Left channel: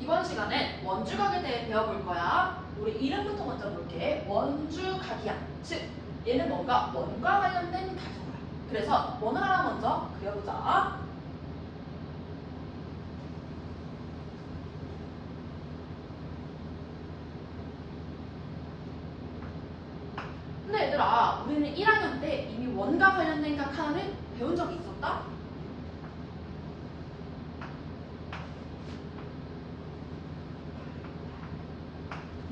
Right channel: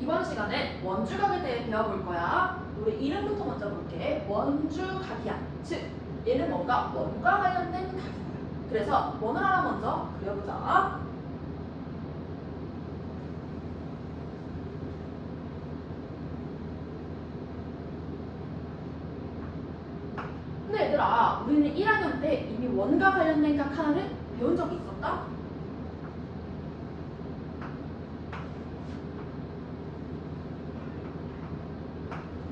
이번 시간에 원주각에 대해 배워볼 거야. 우리 이름부터 먼저 볼게. 원주각이야. 즉 얘는 뭔가 원과 관련된 각이야. 그래서 원을 하나 먼저 그려보자. 근데 얘들아, 우리는 1학년 때 이미 원과 관련된 각 하나를 배운 적이 있었다?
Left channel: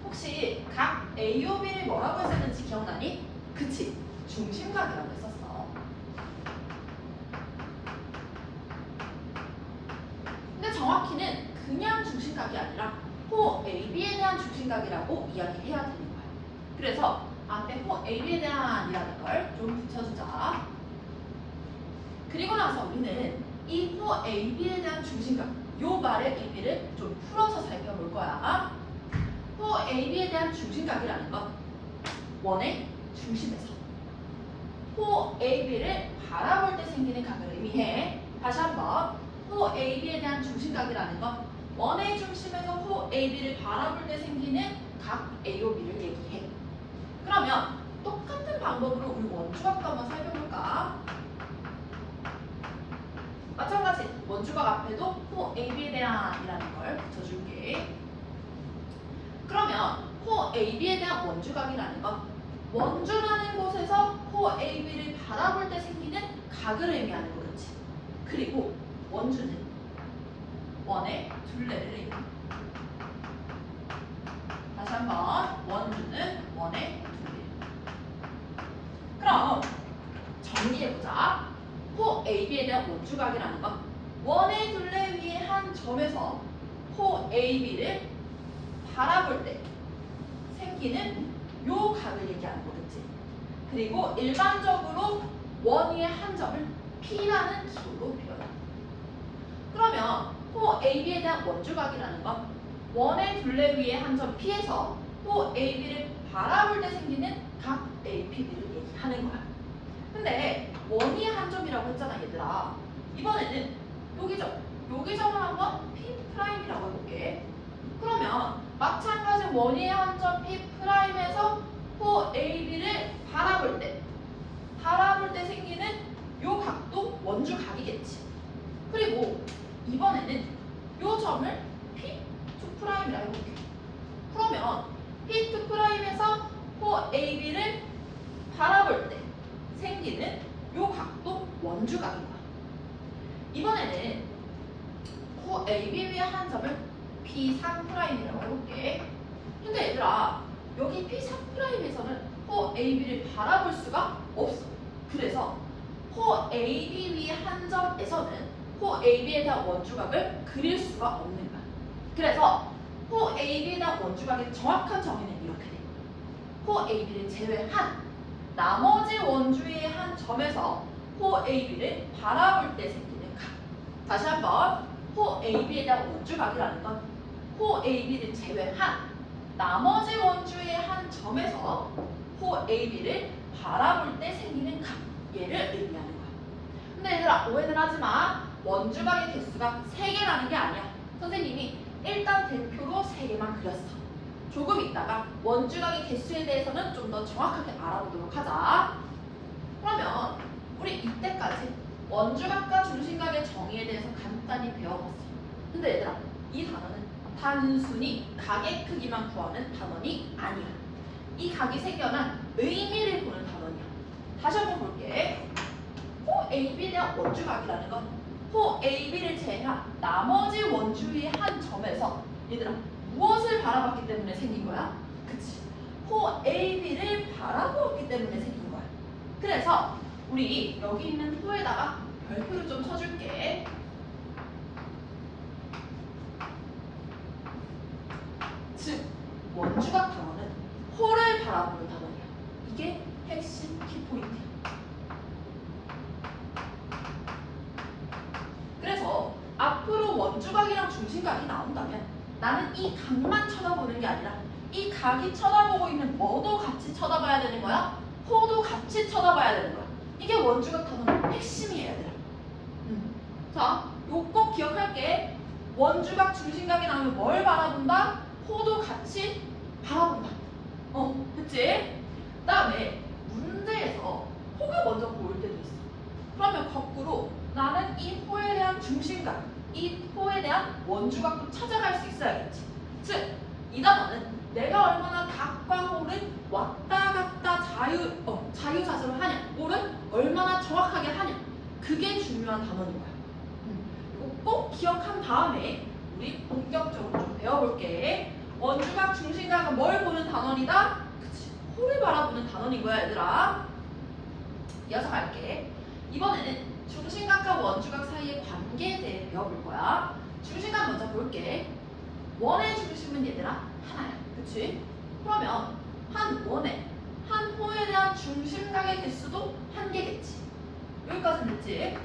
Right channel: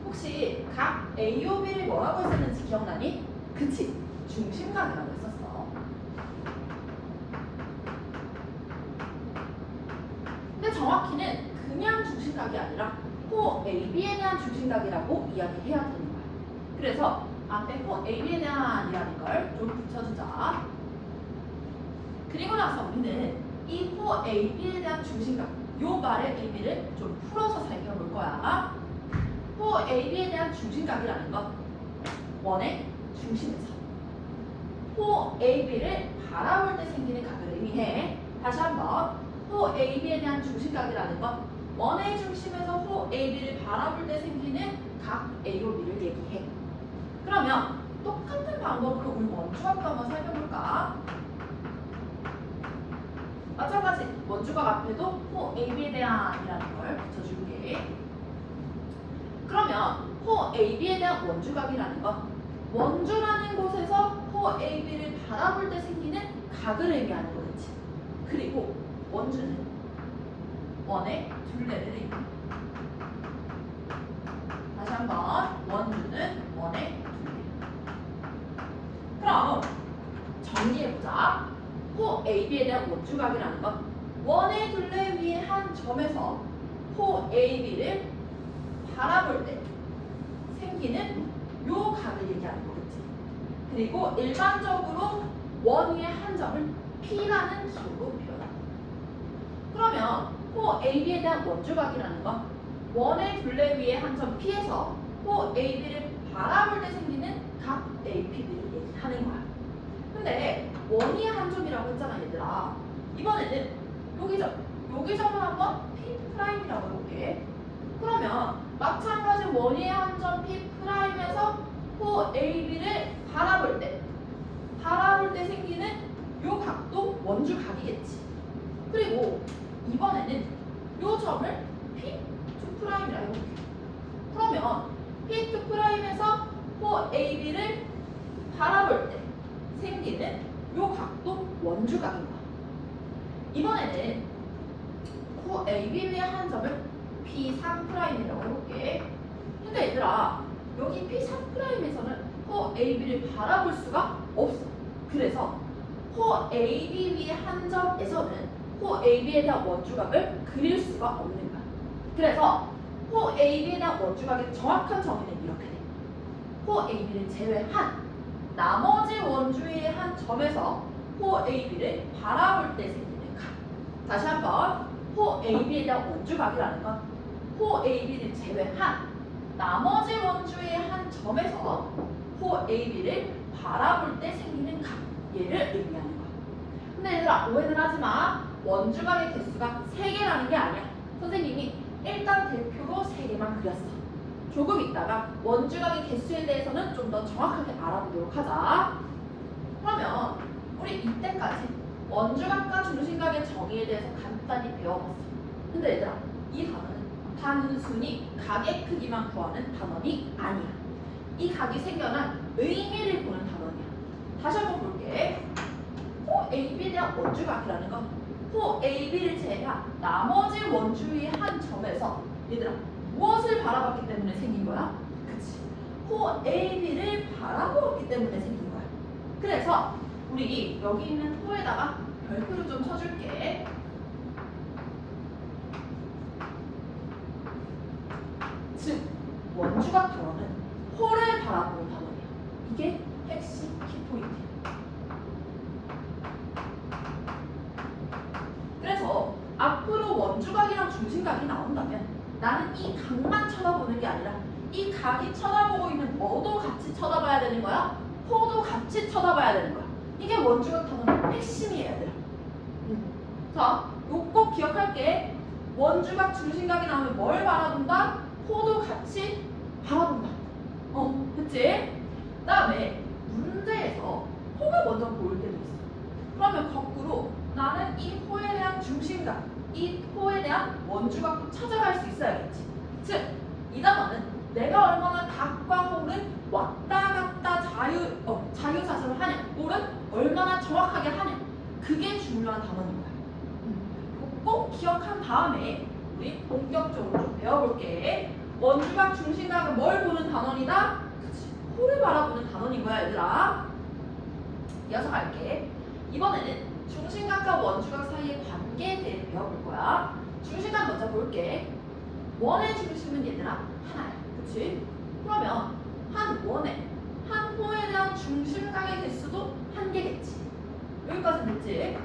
혹시 각 AOB를 뭐라고 했었는지 기억나니? 그치? 중심각이라고 했었어. 근데 정확히는 그냥 중심각이 아니라 호 AB에 대한 중심각이라고 이야기해야 되는 거야. 그래서 앞에 호 AB에 대한이라는 걸 좀 붙여주자. 그리고 나서 우리는 이 호 AB에 대한 중심각, 요 말의 의미를 좀 풀어서 살펴볼 거야. 호 AB에 대한 중심각이라는 건 원의 중심에서 호 AB를 바라볼 때 생기는 각을 의미해. 다시 한번, 호 AB에 대한 중심각이라는 건 원의 중심에서 호 AB를 바라볼 때 생기는 각 AOB를 얘기해. 그러면 똑같은 방법으로 우리 원주각도 한번 살펴볼까? 마찬가지 원주각 앞에도 호 AB에 대한이라는 걸 붙여줄게. 그러면 호 AB에 대한 원주각이라는 건 원주라는 곳에서 호 AB를 바라볼 때 생기는 각을 의미하는 거겠지. 그리고 원주는 원의 둘레를 의미해. 다시 한번, 원주는 원의 둘레. 그럼 정리해보자. 호 AB에 대한 원주각이라는 건 원의 둘레 위에 한 점에서 호 AB를 바라볼 때 생기는 요 각을 얘기하는 거겠지. 그리고 일반적으로 원 위에 한 점을 P라는 기호로 표현한다. 그러면 호 AB에 대한 원주각이라는 건 원의 둘레 위에 한 점 P에서 호 AB를 바라볼 때 생기는 각 APB를 얘기하는 거야. 근데 원 위에 한 점이라고 했잖아, 얘들아. 이번에는 여기 점을 한번 P'이라고 해볼게. 그러면 마찬가지 원 위에 한 점 P'에서 호 AB를 바라볼 때 생기는 요 각도 원주각이겠지. 그리고 이번에는 요 점을 P2'이라 해볼게. 그러면 P2'에서 호 AB를 바라볼 때 생기는 요 각도 원주각인 거야. 이번에는 호 AB 위에 한 점을 P3'이라고 해볼게. 근데 얘들아, 여기 P3'에서는 호 AB를 바라볼 수가 없어. 그래서 호 AB 위에 한 점에서는 호 AB에 대한 원주각을 그릴 수가 없는 거야. 그래서 호 AB에 대한 원주각의 정확한 정의는 이렇게 돼. 호 AB를 제외한 나머지 원주의 한 점에서 호 AB를 바라볼 때 생기는 각. 다시 한번, 호 AB에 대한 원주각이라는 건 호 AB를 제외한 나머지 원주의 한 점에서 호 AB를 바라볼 때 생기는 각, 얘를 의미하는 거야. 근데 얘들아, 오해는 하지 마. 원주각의 개수가 3개라는 게 아니야. 선생님이 일단 대표로 3개만 그렸어. 조금 있다가 원주각의 개수에 대해서는 좀 더 정확하게 알아보도록 하자. 그러면 우리 이때까지 원주각과 중심각의 정의에 대해서 간단히 배워봤어. 근데 얘들아, 이 단어는 단순히 각의 크기만 구하는 단원이 아니야. 이 각이 생겨난 의미를 보는 단원이야. 다시 한번 볼게. 호 AB에 대한 원주각이라는 건 호 AB를 제외한 나머지 원주의 한 점에서 얘들아, 무엇을 바라봤기 때문에 생긴 거야? 그치. 호 AB를 바라보았기 때문에 생긴 거야. 그래서 우리 여기 있는 호에다가 별표를 좀 쳐줄게. 즉, 원주각 단어는 호를 바라보는 단어야. 이게 핵심 키포인트야. 그래서 앞으로 원주각이랑 중심각이 나온다면 나는 이 각만 쳐다보는 게 아니라 이 각이 쳐다보고 있는 뭐도 같이 쳐다봐야 되는 거야? 호도 같이 쳐다봐야 되는 거야. 이게 원주각 단어의 핵심이에요, 얘들아. 자, 요거 꼭 기억 기억할게. 원주각 중심각이 나오면 뭘 바라본다? 호도 같이 바라본다. 그치? 그 다음에 문제에서 호가 먼저 보일 때도 있어. 그러면 거꾸로 나는 이 호에 대한 중심각, 이 호에 대한 원주각도 찾아갈 수 있어야겠지. 즉, 이 단어는 내가 얼마나 각과 호를 왔다 갔다 자유자재로 하냐, 호를 얼마나 정확하게 하냐, 그게 중요한 단어인 거야. 꼭 기억한 다음에 우리 본격적으로 좀 배워볼게. 원주각 중심각은 뭘 보는 단원이다? 그치, 호를 바라보는 단원인 거야, 얘들아. 이어서 갈게. 이번에는 중심각과 원주각 사이의 관계에 대해 배워볼 거야. 중심각 먼저 볼게. 원의 중심은 얘들아 하나야, 그치? 그러면 한 원에, 한 호에 대한 중심각의 개수도 한 개겠지. 여기까지는 됐지?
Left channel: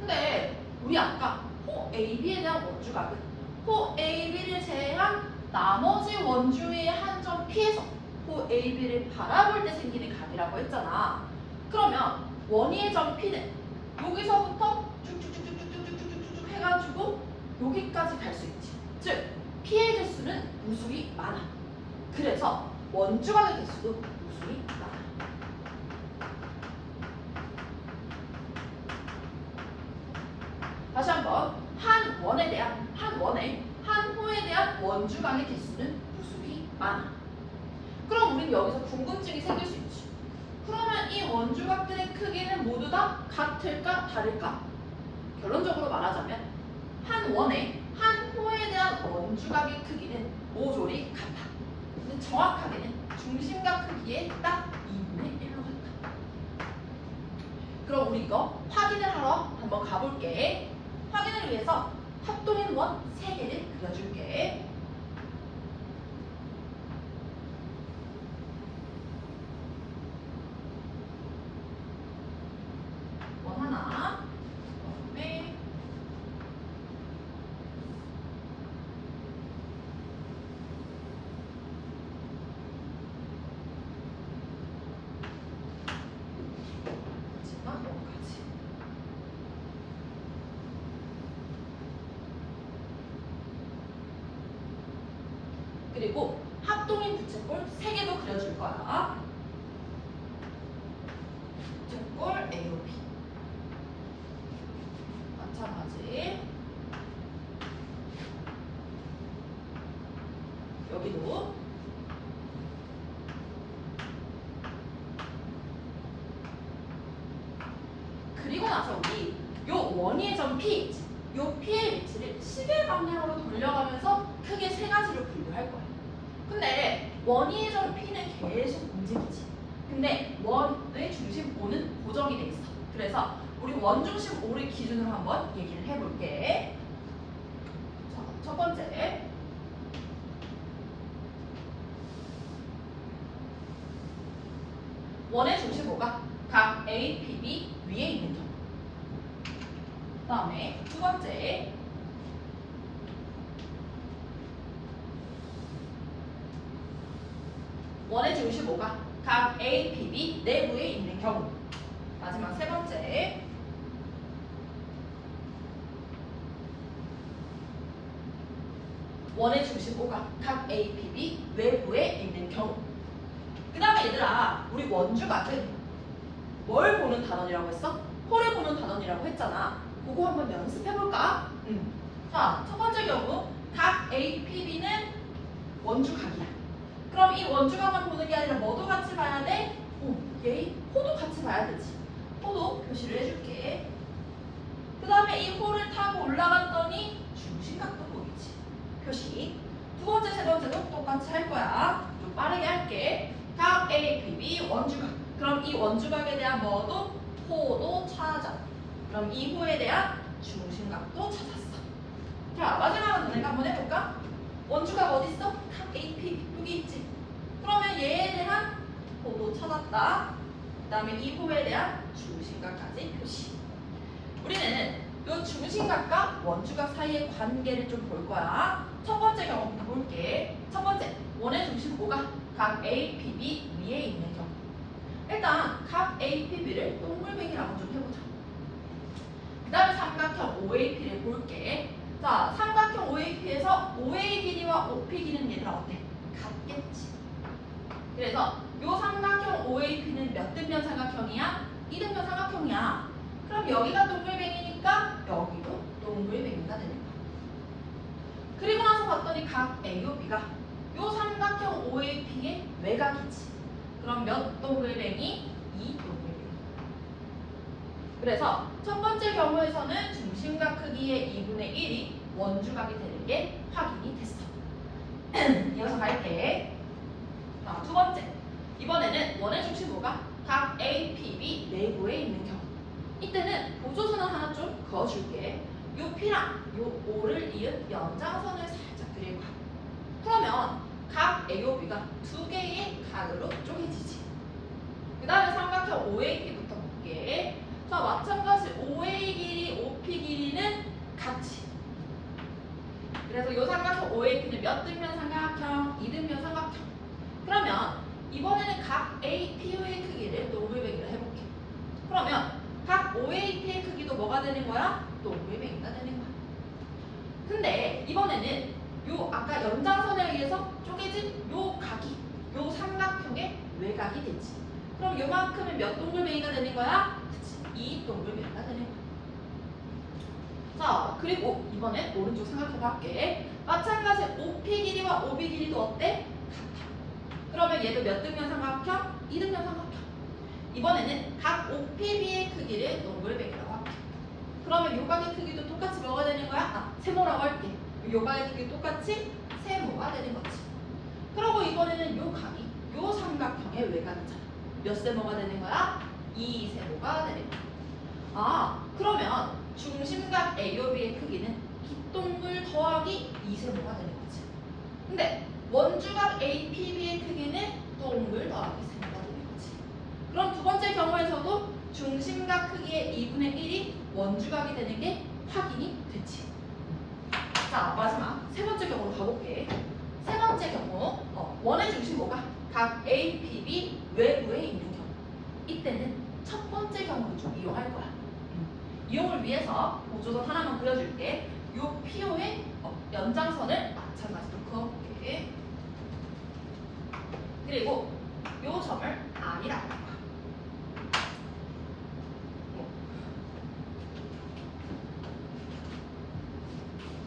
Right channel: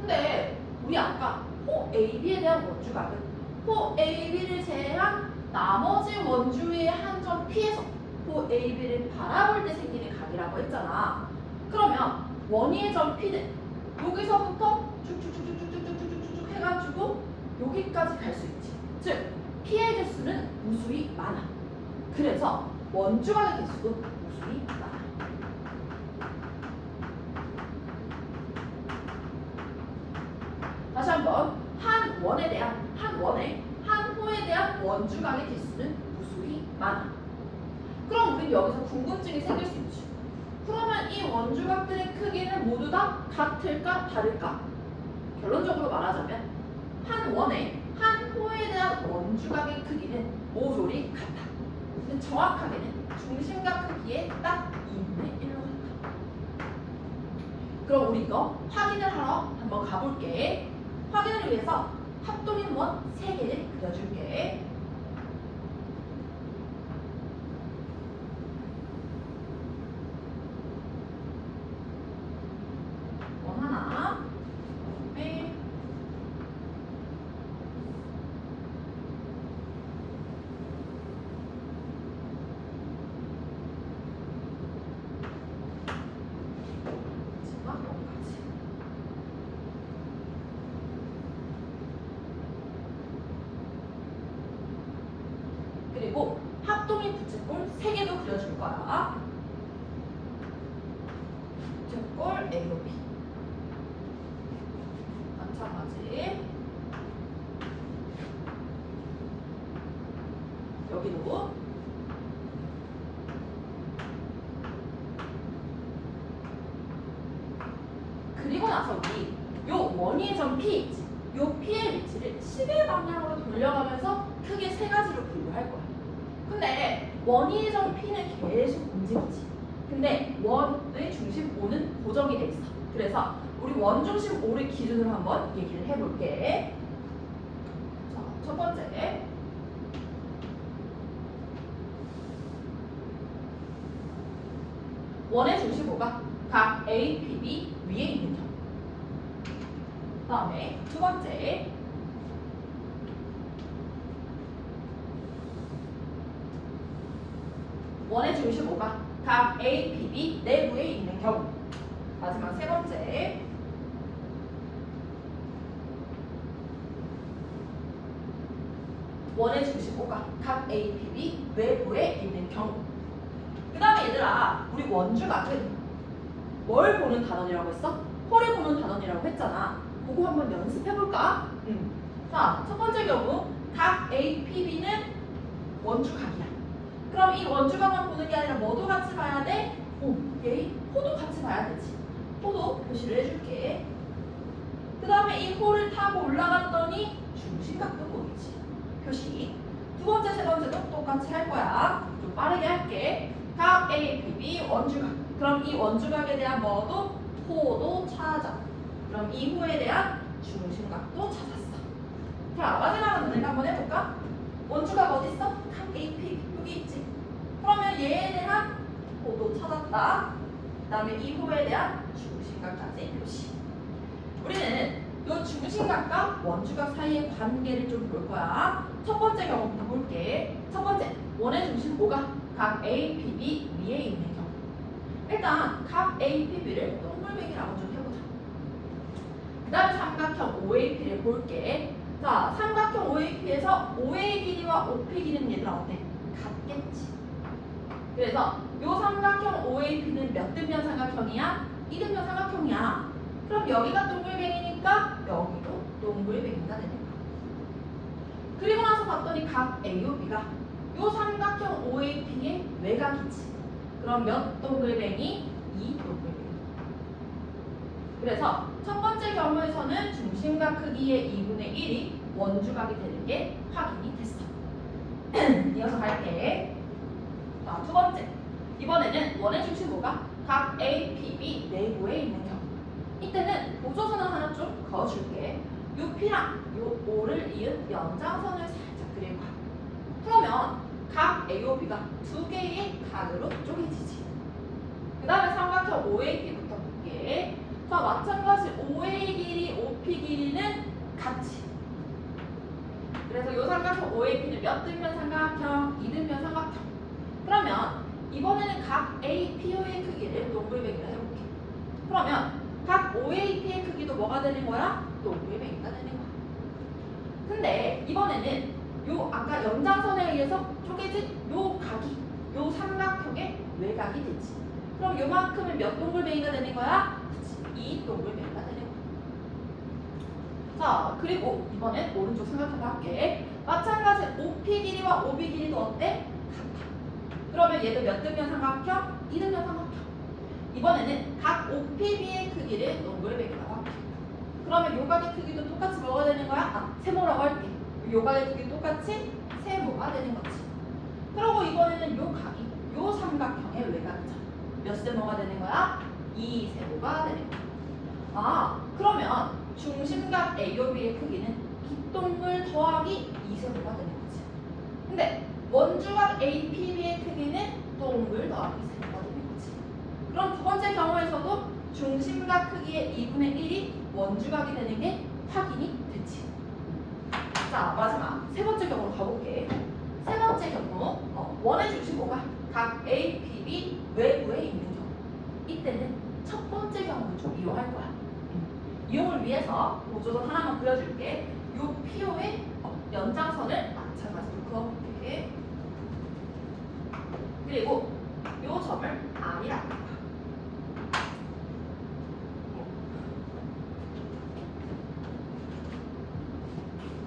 근데 우리 아까 호 AB에 대한 원주각은 호 AB를 제외한 나머지 원주의 한 점 P에서 호 AB를 바라볼 때 생기는 각이라고 했잖아. 그러면 원위의 점 P는 여기서부터 쭉쭉쭉쭉쭉쭉쭉쭉 해가지고 여기까지 갈 수 있지. 즉 P의 개수는 무수히 많아. 그래서 원주각의 개수도 무수히 많아. 다시 한번, 한 원에 대한, 한 원에, 한 호에 대한 원주각의 개수는 무수히 많아. 그럼 우린 여기서 궁금증이 생길 수 있지. 그러면 이 원주각들의 크기는 모두 다 같을까 다를까? 결론적으로 말하자면 한 원에, 한 호에 대한 원주각의 크기는 모조리 같아. 근데 정확하게는 중심각 크기의 딱 2분의 1로 같아. 그럼 우리 이거 확인을 하러 한번 가볼게. 확인을 위해서 합동인 원 3개를 그려줄게. 원 하나, 네. 마지막 원까지. 그리고 합동인 부채꼴 3개도 그려줄 거야. 부채꼴 A, B. 마찬가지. 여기도. 그리고 나서 우리 요 원위의 점 P 있지? 요 P의 위치를 10의 방향으로 돌려가면서 크게 3가지로 분류할 거야. 근데 원위의 점 P는 계속 움직이지. 근데 원의 중심 O는 고정이 돼 있어. 그래서 우리 원 중심 O를 기준으로 한번 얘기를 해볼게. 자, 첫 번째. 원의 중심 O가 각 A, P, B 위에 있는 경우. 그 다음에 두 번째. 원의 중심 O가 각 A, P, B 내부에 있는 경우. 마지막 세 번째. 원의 중심 O가 각 A, P, B 외부에 있는 경우. 그 다음에 얘들아, 우리 원주각은 뭘 보는 단원이라고 했어? 호를 보는 단원이라고 했잖아. 그거 한번 연습해볼까? 자, 첫 번째 경우 각 A, P, B는 원주각이야. 그럼 이 원주각만 보는 게 아니라 뭐도 같이 봐야 돼? 얘 호도 같이 봐야 되지. 호도 표시를 해줄게. 그 다음에 이 호를 타고 올라갔더니 중심각도 보이지. 표시. 두 번째, 세 번째도 똑같이 할 거야. 좀 빠르게 할게. 각 A, P, B 원주각. 그럼 이 원주각에 대한 뭐도? 호도 찾아. 그럼 이 호에 대한 중심각도 찾았어. 자, 마지막으로 내가 한번 해볼까? 원주각 어디 있어? 각 A, P, B 여기 있지. 그러면 얘에 대한 호도 찾았다. 그 다음에 이 호에 대한 중심각까지 표시. 우리는 이 중심각과 원주각 사이의 관계를 좀 볼 거야. 첫 번째 경우부터 볼게. 첫 번째, 원의 중심 O가 각 A, P, B 위에 있는 경우. 일단 각 A, P, B를 동글배기라고 좀 해보자. 그 다음에 삼각형 OAP를 볼게. 자, 삼각형 OAP에서 OA 길이와 OP 길이는 얘들아 어때? 같겠지. 그래서 요 삼각형 OAP는 몇 등변 삼각형이야? 2등변 삼각형이야. 그럼 여기가 동글뱅이니까 여기도 동글뱅이가 되는 거야. 그리고 나서 봤더니 각 A와 B가 요 삼각형 OAP의 외곽이지. 그럼 몇 동글뱅이? 2 동글뱅이. 그래서 첫 번째 경우에서는 중심각 크기의 2분의 1이 원주각이 되는 게 확인이 됐어. 이어서 갈게. 자, 두 번째. 이번에는 원의 중심호가 각 A, P, B 내부에 있는 경우. 이때는 보조선을 하나 좀 그어줄게. 요 P랑 요 O를 이은 연장선을 살짝 그릴 거야. 그러면 각 A와 B가 두 개의 각으로 쪼개지지. 그 다음에 삼각형 OAP부터 볼게. 자, 마찬가지 OA 길이, OP 길이는 같이. 그래서 이 삼각형 OAP는 몇 등변 삼각형? 2등변 삼각형. 그러면 이번에는 각 APO의 크기를 동글뱅이로 해볼게. 그러면 각 OAP의 크기도 뭐가 되는 거야? 동글뱅이가 되는 거야. 근데 이번에는 요 아까 연장선에 의해서 쪼개진 요 각이 요 삼각형의 외곽이 되지. 그럼 요만큼은 몇 동글뱅이가 되는 거야? 그치, 2 동글뱅이가 되는 거야. 자, 그리고 이번엔 오른쪽 삼각형 할게. 마찬가지 OP 길이와 OB 길이도 어때? 같아. 그러면 얘도 몇 등변 삼각형? 2등변 삼각형. 이번에는 각 OPB의 크기를 동글뱅이라고 할게. 그러면 요각의 크기도 똑같이 뭐가 되는 거야? 아, 세모라고 할게. 요각의 크기 똑같이 세모가 되는 거지. 그리고 이번에는 요 각이 요 삼각형의 외곽이잖아. 몇 세모가 되는 거야? 2 세모가 되는 거야. 아, 그러면 중심각 AOB의 크기는 빗동글 더하기 2 세모가 되는 거지. 근데 원주각 APB의 크기는 동글 더하기 세모가 되는 거지. 그럼 두 번째 경우에서도 중심각 크기의 2분의 1이 원주각이 되는 게 확인이 됐지. 자, 마지막 세 번째 경우로 가볼게. 세 번째 경우, 원의 중심호가 각 A, P, B 외부에 있는 경우. 이때는 첫 번째 경우를 좀 이용할 거야. 이용을 위해서 보조선 하나만 그려줄게. 요 PO의 연장선을 마찬가지로 그어볼게. 그리고 요 점을 R이라고 할 거야.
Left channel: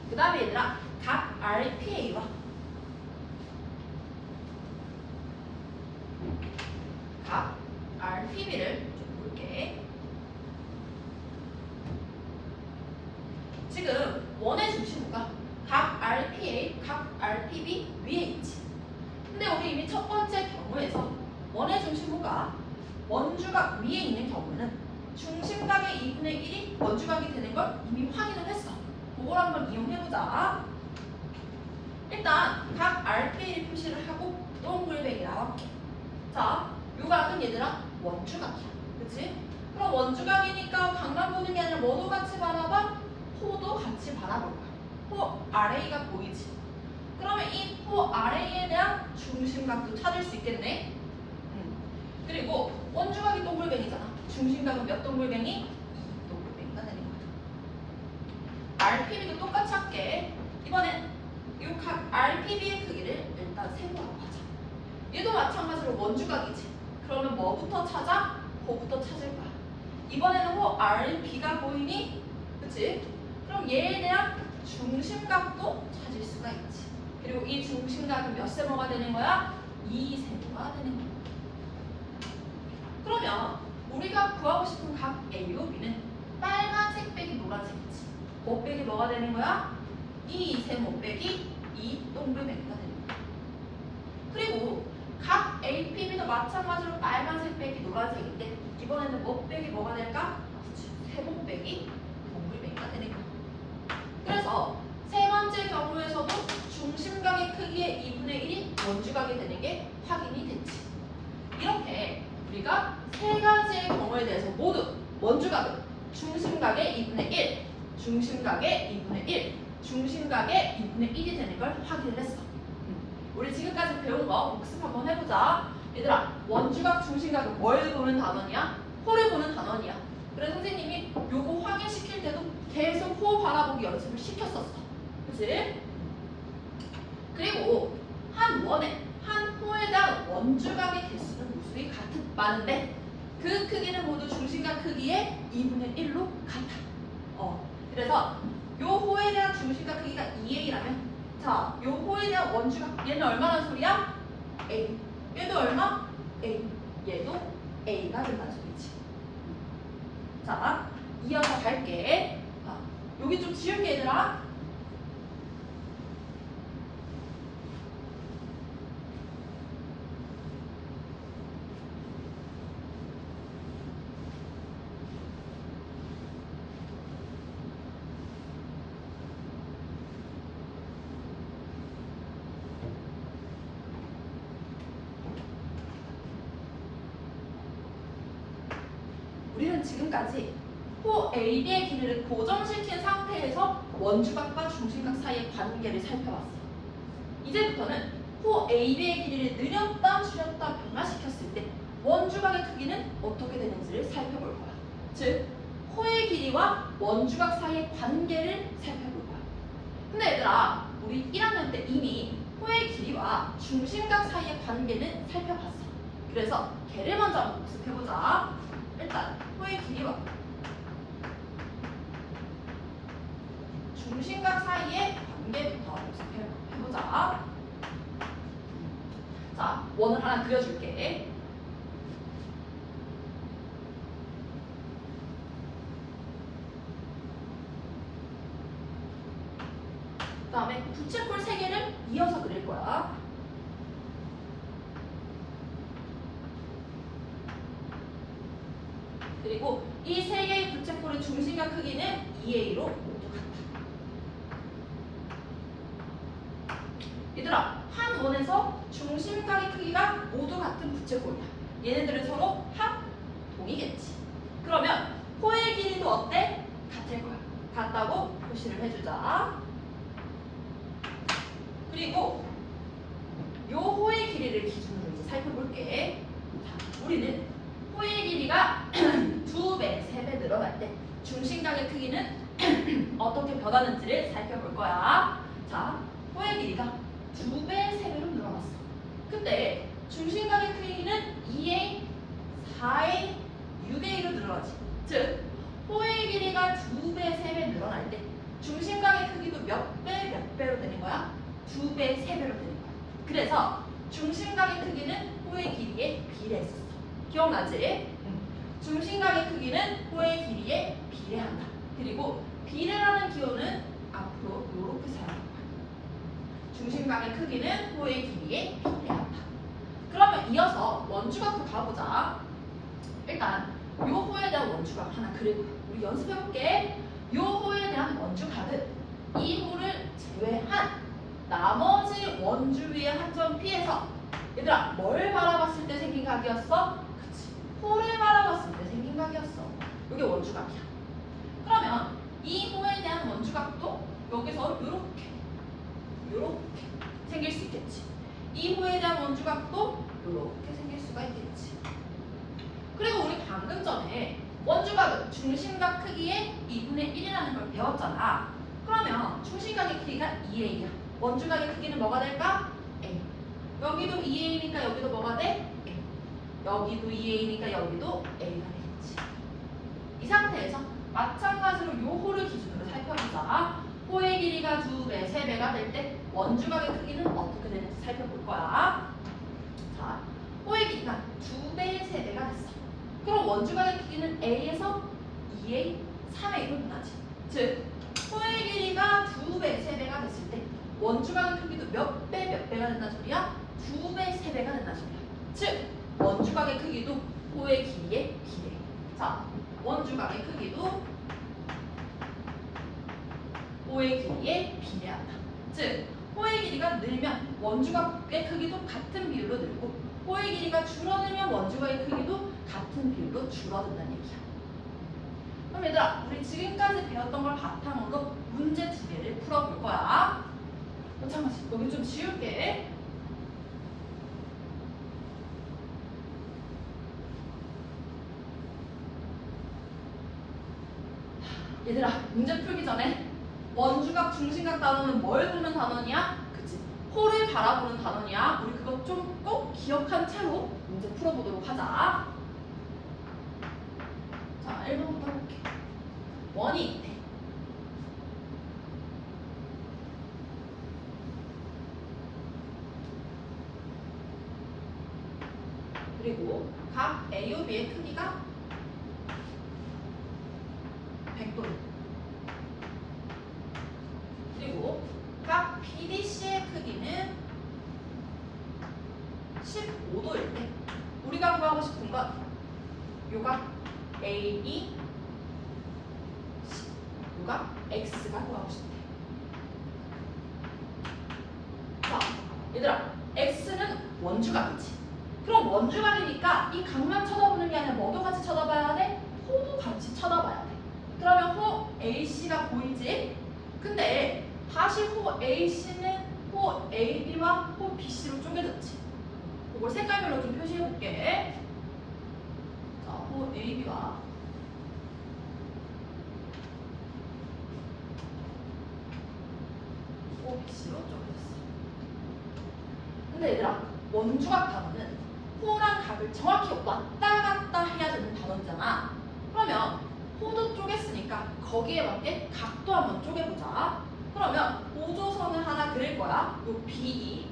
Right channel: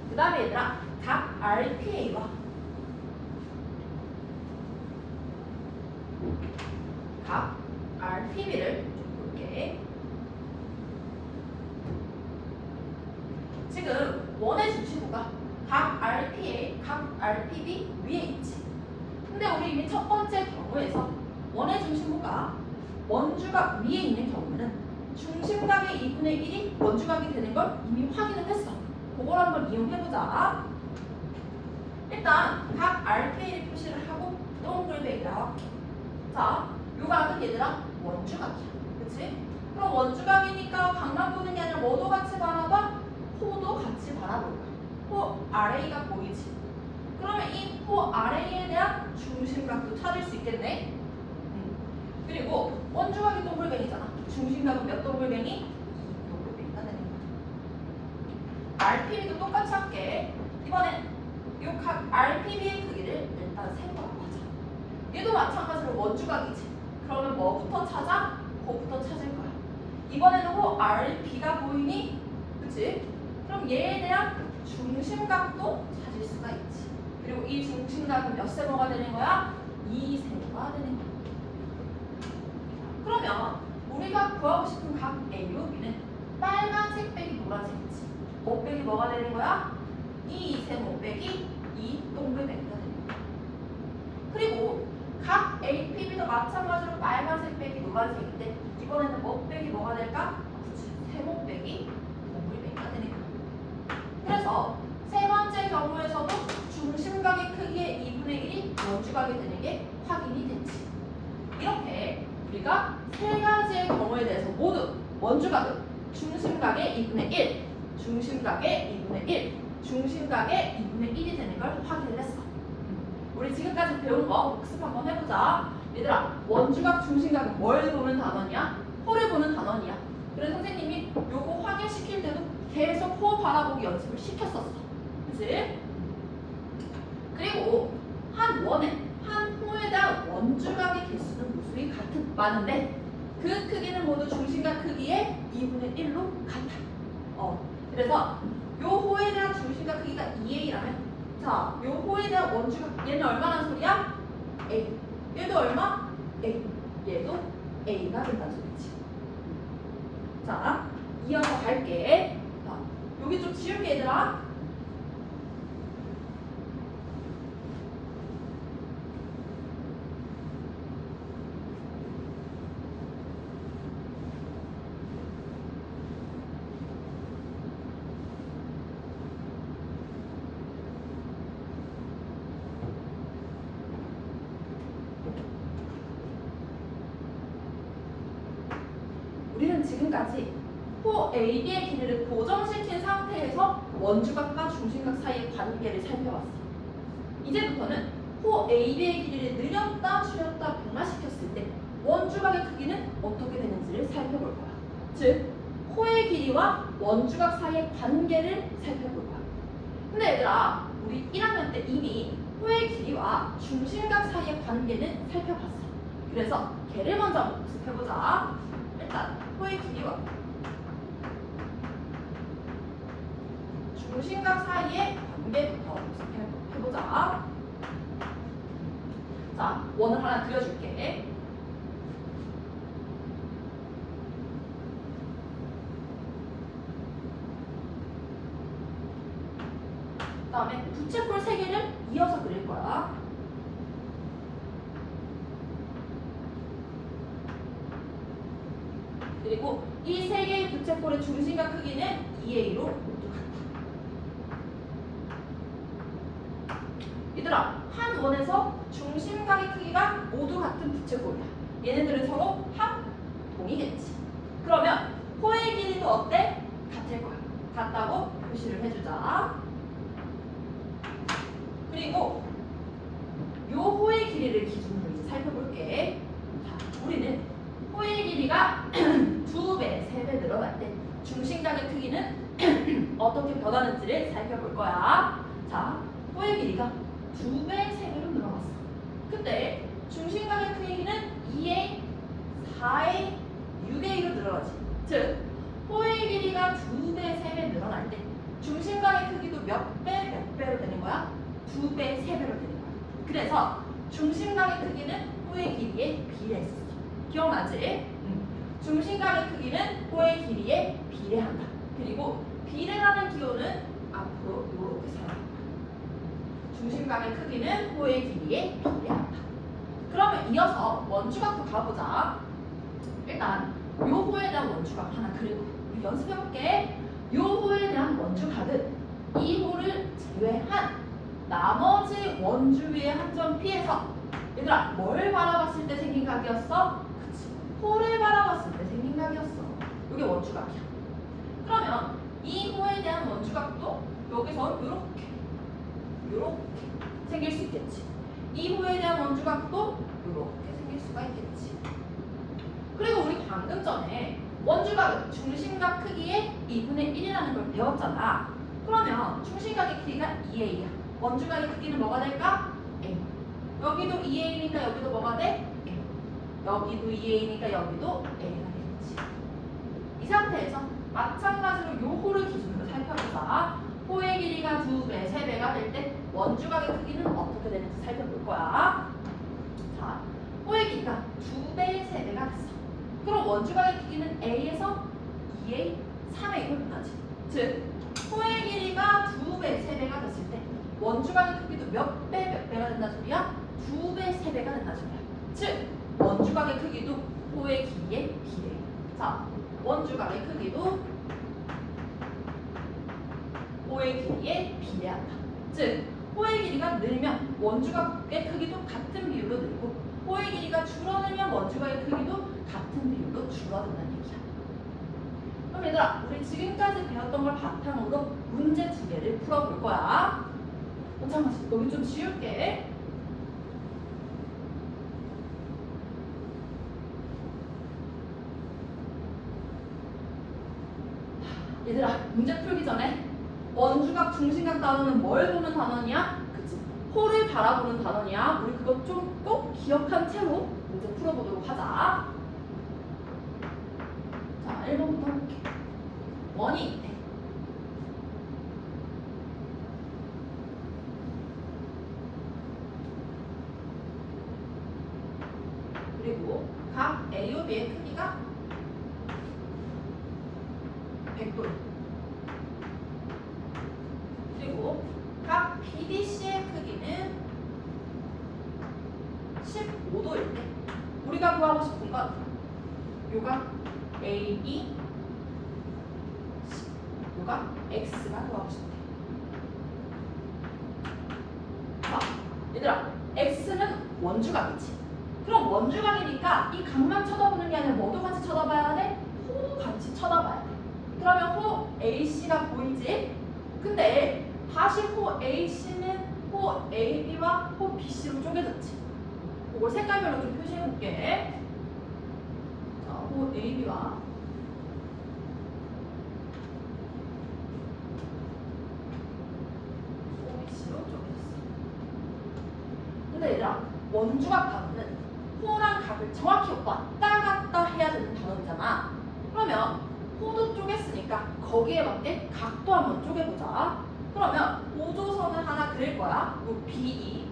그 다음에 얘들아, 각 RPA와 각 RPB를 좀 볼게. 지금 원의 중심호가 각 RPA, 각 RPB 위에 있지. 근데 우리 이미 첫 번째 경우에서 원의 중심호가 원주각 위에 있는 경우는 중심각의 2분의 1이 원주각이 되는 걸 이미 확인을 했어. 그걸 한번 이용해보자. 일단 각 RPA를 표시를 하고 동글뱅이라고 할게. 자, 요 각은 얘들아 원주각이야. 그치? 그럼 원주각이니까 각만 보는 게 아니라 뭐도 같이 바라봐? 호도 같이 바라볼 거야. 호 RA가 보이지? 그러면 이 호 RA에 대한 중심각도 찾을 수 있겠네? 그리고 원주각이 동글뱅이잖아. 중심각은 몇 동글뱅이? 2 동글뱅이가 되는 거야. RPB도 똑같이 할게. 이번엔 요 각 RPB의 크기를 일단 세모라고 하자. 얘도 마찬가지로 원주각이지. 그러면 뭐부터 찾아? 호부터 찾을 거야. 이번에는 호 RP가 보이니? 그치? 그럼 얘에 대한 중심각도 찾을 수가 있지. 그리고 이 중심각은 몇 세모가 되는 거야? 2 세모가 되는 거야. 그러면 우리가 구하고 싶은 각 A와 B는 빨간색 빼기 노란색이지. 뭐 빼기 뭐가 되는 거야? 2 세모 빼기 2 동글뱅이가 되는 거야. 그리고 각 APB도 마찬가지로 빨간색 빼기 노란색인데 이번에는 뭐 빼기 뭐가 될까? 그치, 세모 빼기 동글뱅이가 되는 거야. 그래서 세 번째 경우에서도 중심각의 크기의 2분의 1이 원주각이 되는 게 확인이 됐지. 이렇게 우리가 세 가지의 경우에 대해서 모두 원주각은 중심각의 2분의 1, 중심각의 2분의 1, 중심각의 2분의 1이 되는 걸 확인을 했어. 우리 지금까지 배운 거 복습 한번 해보자. 얘들아, 원주각, 중심각은 뭘 보는 단원이야? 호를 보는 단원이야. 그래서 선생님이 요거 확인시킬 때도 계속 호 바라보기 연습을 시켰었어. 그치? 그리고 한 호에 대한 원주각의 개수는 모습이 많은데 그 크기는 모두 중심각 크기의 2분의 1로 같아. 그래서 요 호에 대한 중심각 크기가 2a라면 자, 요 호에 대한 원주각 얘는 얼마나 소리야? a. 얘도 얼마? a. 얘도 a가 된다는 소리지. 자, 이어서 갈게. 자, 여기 좀 지울게 얘들아. 우리는 지금까지 호 AB의 길이를 고정시킨 상태에서 원주각과 중심각 사이의 관계를 살펴봤어. 이제부터는 호 AB의 길이를 늘렸다 줄였다 변화시켰을 때 원주각의 크기는 어떻게 되는지를 살펴볼 거야. 즉, 호의 길이와 원주각 사이의 관계를 살펴볼 거야. 근데 얘들아, 우리 1학년 때 이미 호의 길이와 중심각 사이의 관계는 살펴봤어. 그래서 걔를 먼저 한번 복습해보자. 일단 호의 길이와 중심각 사이의 관계부터 복습해보자. 자, 원을 하나 그려줄게. 그 다음에 부채꼴 3개를 이어서 그릴 거야. 그리고 이 3개의 부채꼴의 중심각 크기는 2a로 모두 같아. 얘들아, 한 원에서 중심각의 크기가 모두 같은 부채꼴이야. 얘네들은 서로 합동이겠지. 그러면 호의 길이도 어때? 같을 거야. 같다고 표시를 해주자. 그리고 요 호의 길이를 기준으로 이제 살펴볼게. 자, 우리는 호의 길이가 2배, 3배 늘어날 때 중심각의 크기는 어떻게 변하는지를 살펴볼 거야. 자, 호의 길이가 2배, 3배로 늘어났어. 그때 중심각의 크기는 2a, 4a, 6a로 늘어나지. 즉, 호의 길이가 2배, 3배 늘어날 때 중심각의 크기도 몇 배, 몇 배로 되는 거야? 2배, 3배로 되는 거야. 그래서 중심각의 크기는 호의 길이에 비례했어. 기억나지? 중심각의 크기는 호의 길이에 비례한다. 그리고 비례라는 기호는 앞으로 이렇게 사용할 거야. 중심각의 크기는 호의 길이에 비례한다. 그러면 이어서 원주각도 가보자. 일단 요 호에 대한 원주각 하나 그리고 우리 연습해볼게. 요 호에 대한 원주각은 이 호를 제외한 나머지 원주 위에 한 점 피해서 얘들아, 뭘 바라봤을 때 생긴 각이었어? 그치, 호를 바라봤을 때 생긴 각이었어. 이게 원주각이야. 그러면 이 호에 대한 원주각도 여기서 요렇게 생길 수 있겠지. 이 호에 대한 원주각도 요렇게 생길 수가 있겠지. 그리고 우리 방금 전에 원주각은 중심각 크기의 2분의 1이라는 걸 배웠잖아. 그러면 중심각의 크기가 2a야. 원주각의 크기는 뭐가 될까? a. 여기도 2a니까 여기도 뭐가 돼? a. 여기도 2a니까 여기도 a가 되겠지. 이 상태에서 마찬가지로 요 호를 기준으로 살펴보자. 호의 길이가 2배, 3배가 될 때 원주각의 크기는 어떻게 되는지 살펴볼 거야. 자, 호의 길이가 2배, 3배가 됐어. 그럼 원주각의 크기는 a에서 2a, 3a로 변하지. 즉, 호의 길이가 2배, 3배가 됐을 때 원주각의 크기도 몇 배, 몇 배가 된다는 소리야? 2배, 3배가 된다는 소리야. 즉, 원주각의 크기도 호의 길이에 비례해. 자, 원주각의 크기도 호의 길이에 비례한다. 즉, 호의 길이가 늘면 원주각의 크기도 같은 비율로 늘고 호의 길이가 줄어들면 원주각의 크기도 같은 비율로 줄어든다는 얘기야. 그럼 얘들아, 우리 지금까지 배웠던 걸 바탕으로 문제 2개를 풀어볼 거야. 잠깐만, 여기 좀 지울게. 전에 원주각, 중심각 단어는 뭘 보는 단어냐? 그치? 호를 바라보는 단어냐? 우리 그거 좀 꼭 기억한 채로 문제 풀어보도록 하자. 자, 1번부터 해볼게. 원이 돼. 그리고 각 AO, B의 크기가 100도입니다. 그리고 각 BDC의 크기는 15도일 때 우리가 구하고 싶은 건 요각 AB, 요각 X가 구하고 싶대. 자, 얘들아, X는 원주각이지. 그럼 원주각이니까 이 각만 쳐다보는 게 아니라 뭐도 같이 쳐다봐야 돼? 호도 같이 쳐다봐야 돼. 그러면 호 AC가 보이지? 근데 다시 호 AC는 호 AB와 호 BC로 쪼개졌지. 이걸 색깔별로 좀 표시해볼게. 자, 호 AB와 호 BC로 쪼개졌어. 근데 얘들아, 원주각 단어는 호랑 각을 정확히 왔다 갔다 해야 되는 단어잖아. 그러면 호도 쪼갰으니까 거기에 맞게 각도 한번 쪼개보자. 그러면 오조선을 하나 그릴 거야. 요 BE.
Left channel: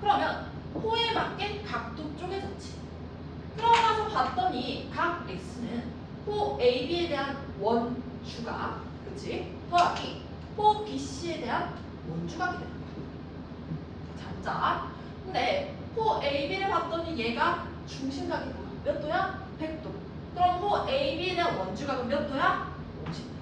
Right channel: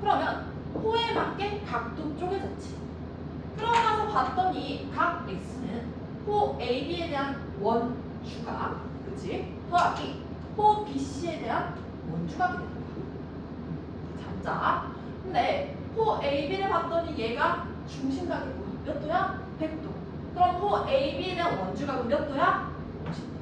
그러면 호에 맞게 각도 쪼개졌지. 그러고 나서 봤더니 각 X는 호 AB에 대한 원주각, 그치? 더하기 호 BC에 대한 원주각이 되는 거야. 잡자. 근데 호 AB를 봤더니 얘가 중심각이 뭐야? 몇 도야? 100도. 그럼 호 AB에 대한 원주각은 몇 도야? 50도야.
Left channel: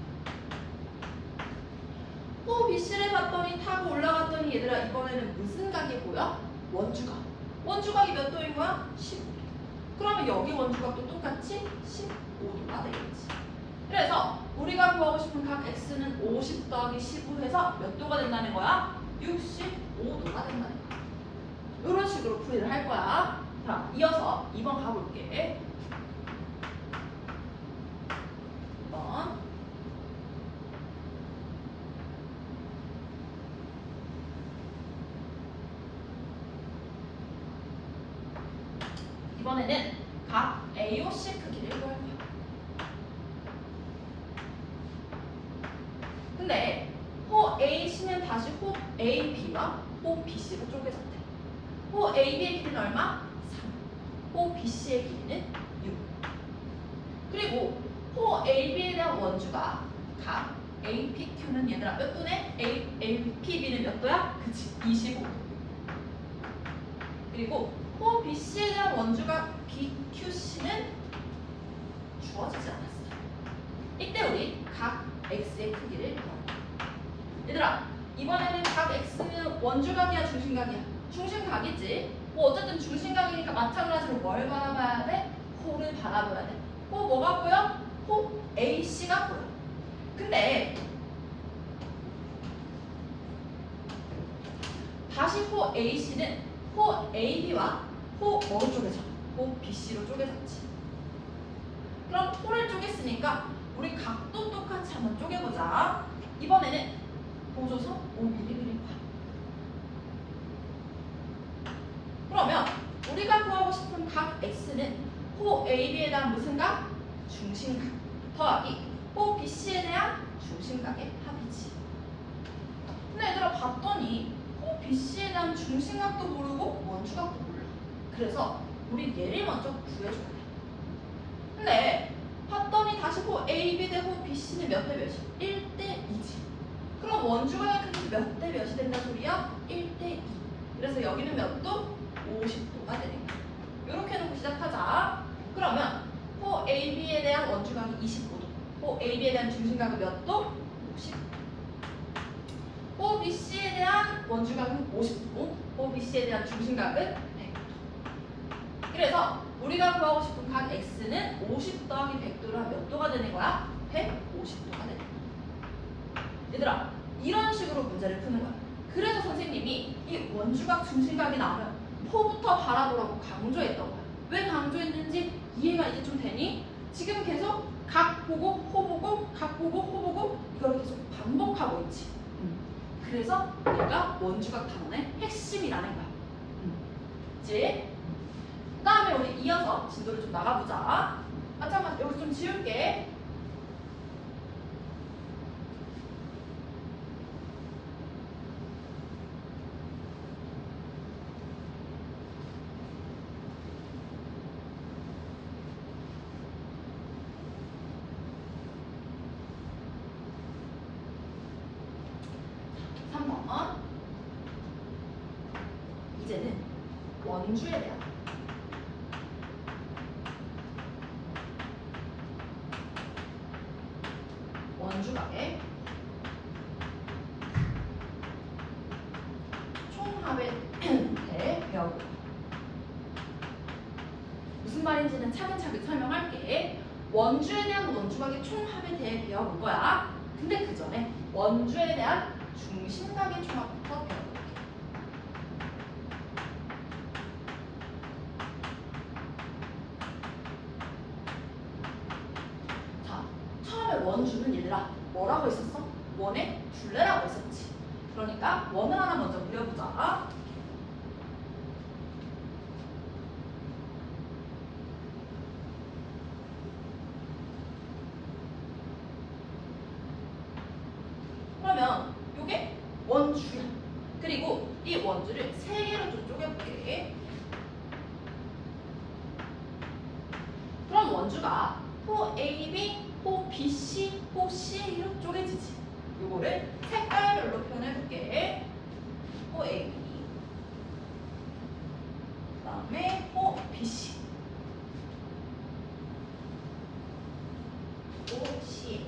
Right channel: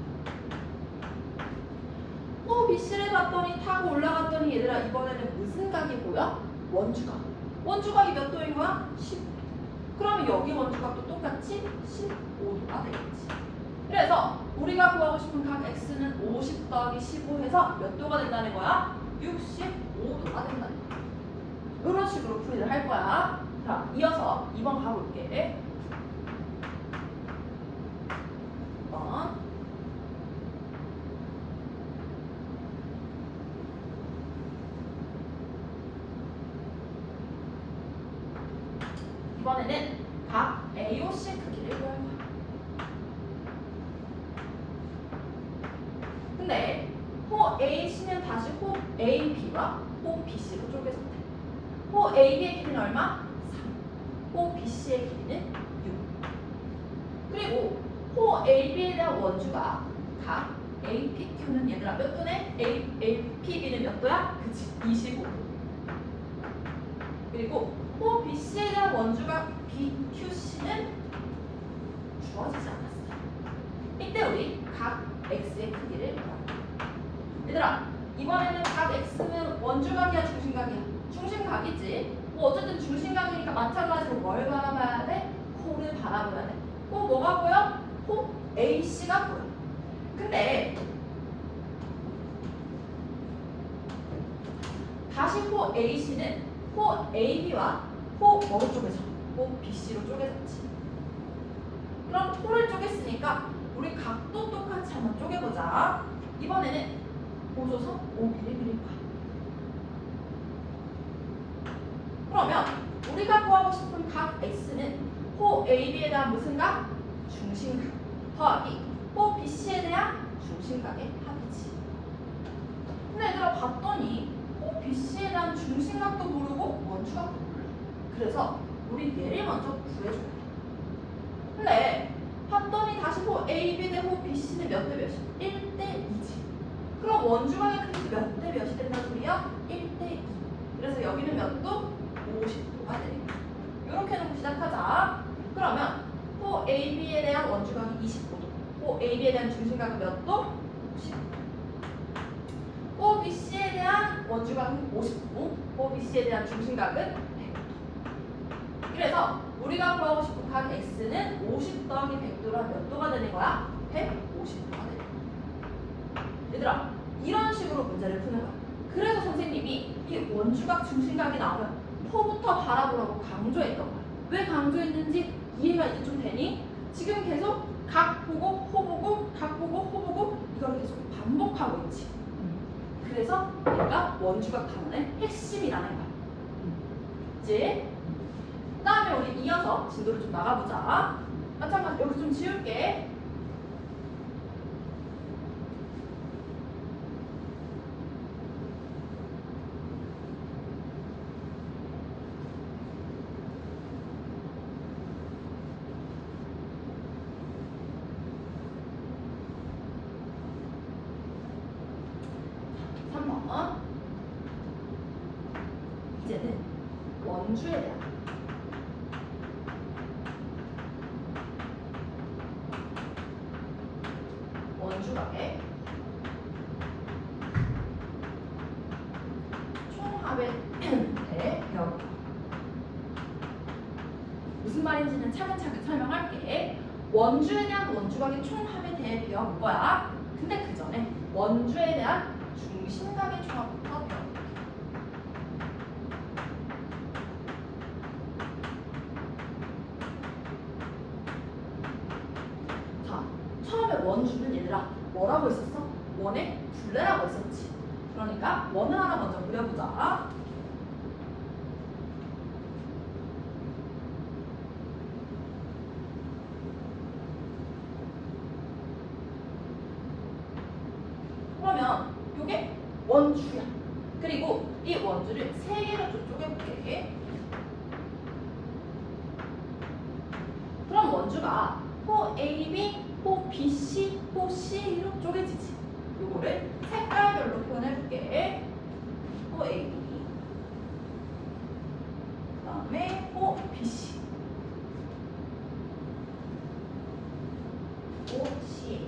호 BC를 봤더니 타고 올라갔더니 얘들아 이번에는 무슨 각이 보여? 원주각. 원주각이 몇 도인 거야? 15도. 그러면 여기 원주각도 똑같이 15도가 되겠지. 그래서 우리가 구하고 싶은 각 X는 50 더하기 15 해서 몇 도가 된다는 거야? 65도가 된다는 거야. 이런 식으로 풀이를 할 거야. 자, 이어서 2번 가볼게. 2번. 이번에는 각 AOC 크기를 구할 거야. 근데 호 AC는 다시 호 AB와 호 BC로 쪼개졌대. 호 AB의 길이는 얼마? 3. 호 BC의 길이는 6. 그리고 호 AB에 대한 원주가 각 APQ는 얘들아 몇 도네? APB는 몇 도야? 그치, 25도. 그리고 호 BC에 대한 원주가 BQC는 주어지지 않았어. 이때 우리 각 X의 크기를 구합니다. 얘들아, 이번에는 각 X는 원주각이야, 중심각이야? 중심각이지. 뭐 어쨌든 중심각이니까 마찬가지로 뭘 바라봐야 돼? 호를 바라봐야 돼. 호 뭐가 보여? 호 AC가 보여. 근데 다시 호 AC는 호 AB와 호 뭐로 쪼개져? 호 BC로 쪼개졌지. 그럼 호를 쪼갰으니까 우리 각도 똑같이 한번 쪼개보자. 이번에는 보조선 5mm를 그릴 거야. 그러면 우리가 구하고 싶은 각 X는 호 AB에 대한 무슨 각? 중심각 더하기 호 BC에 대한 중심각의 합이지. 근데 얘들아 봤더니 호 BC에 대한 중심각도 모르고 원주각도 몰라. 그래서 우리 얘를 먼저 구해줘야 돼. 근데 봤더니 다시 호 AB 대 호 BC는 몇 대 몇이? 1대 2지. 그럼 원주각의 크기도 몇 대 몇이 된다는 소리야? 1대 2. 그래서 여기는 몇 도? 50도가 되는 거야. 이렇게 해놓고 시작하자. 그러면 호 AB에 대한 원주각이 25도. 호 AB에 대한 중심각은 몇 도? 50도. 호 BC에 대한 원주각은 50도. 호 BC에 대한 중심각은 100도. 그래서 우리가 구하고 싶은 각 X는 50 더하기 100도라 몇 도가 되는 거야? 150도가 되는 거야. 얘들아, 이런 식으로 문제를 푸는 거야. 그래서 선생님이 이 원주각, 중심각이 나오면 호부터 바라보라고 강조했던 거야. 왜 강조했는지 이해가 이제 좀 되니? 지금 계속 각 보고 호 보고 각 보고 호 보고 이걸 계속 반복하고 있지. 그래서 얘가 원주각 단원의 핵심이라는 거야. 그치? 그 다음에 우리 이어서 진도를 좀 나가보자. 아 잠깐 여기 좀 지울게. 이제는 원주에 대한 원주각의 총합에 대해 배워볼까. 무슨 말인지는 차근차근 설명할게. 원주에 대한 원주각의 총합에 대해 배워볼 거야. 근데 그 전에 원주에 대한 중심각의 총합부터 배워볼게. 자, 처음에 원주는 얘들아 뭐라고 있었어? 원의 둘레라고 했었지. 그러니까 원을 하나 먼저 그려보자. 그러면 이게 원주야. 그리고 이 원주를 세 개로 좀 쪼개볼게. 그럼 원주가 호 AB, 호 BC, 호 CA로 쪼개지지. 이거를 색깔별로 표현해볼게. 호 AB, 그 다음에 호 BC, 호 CA.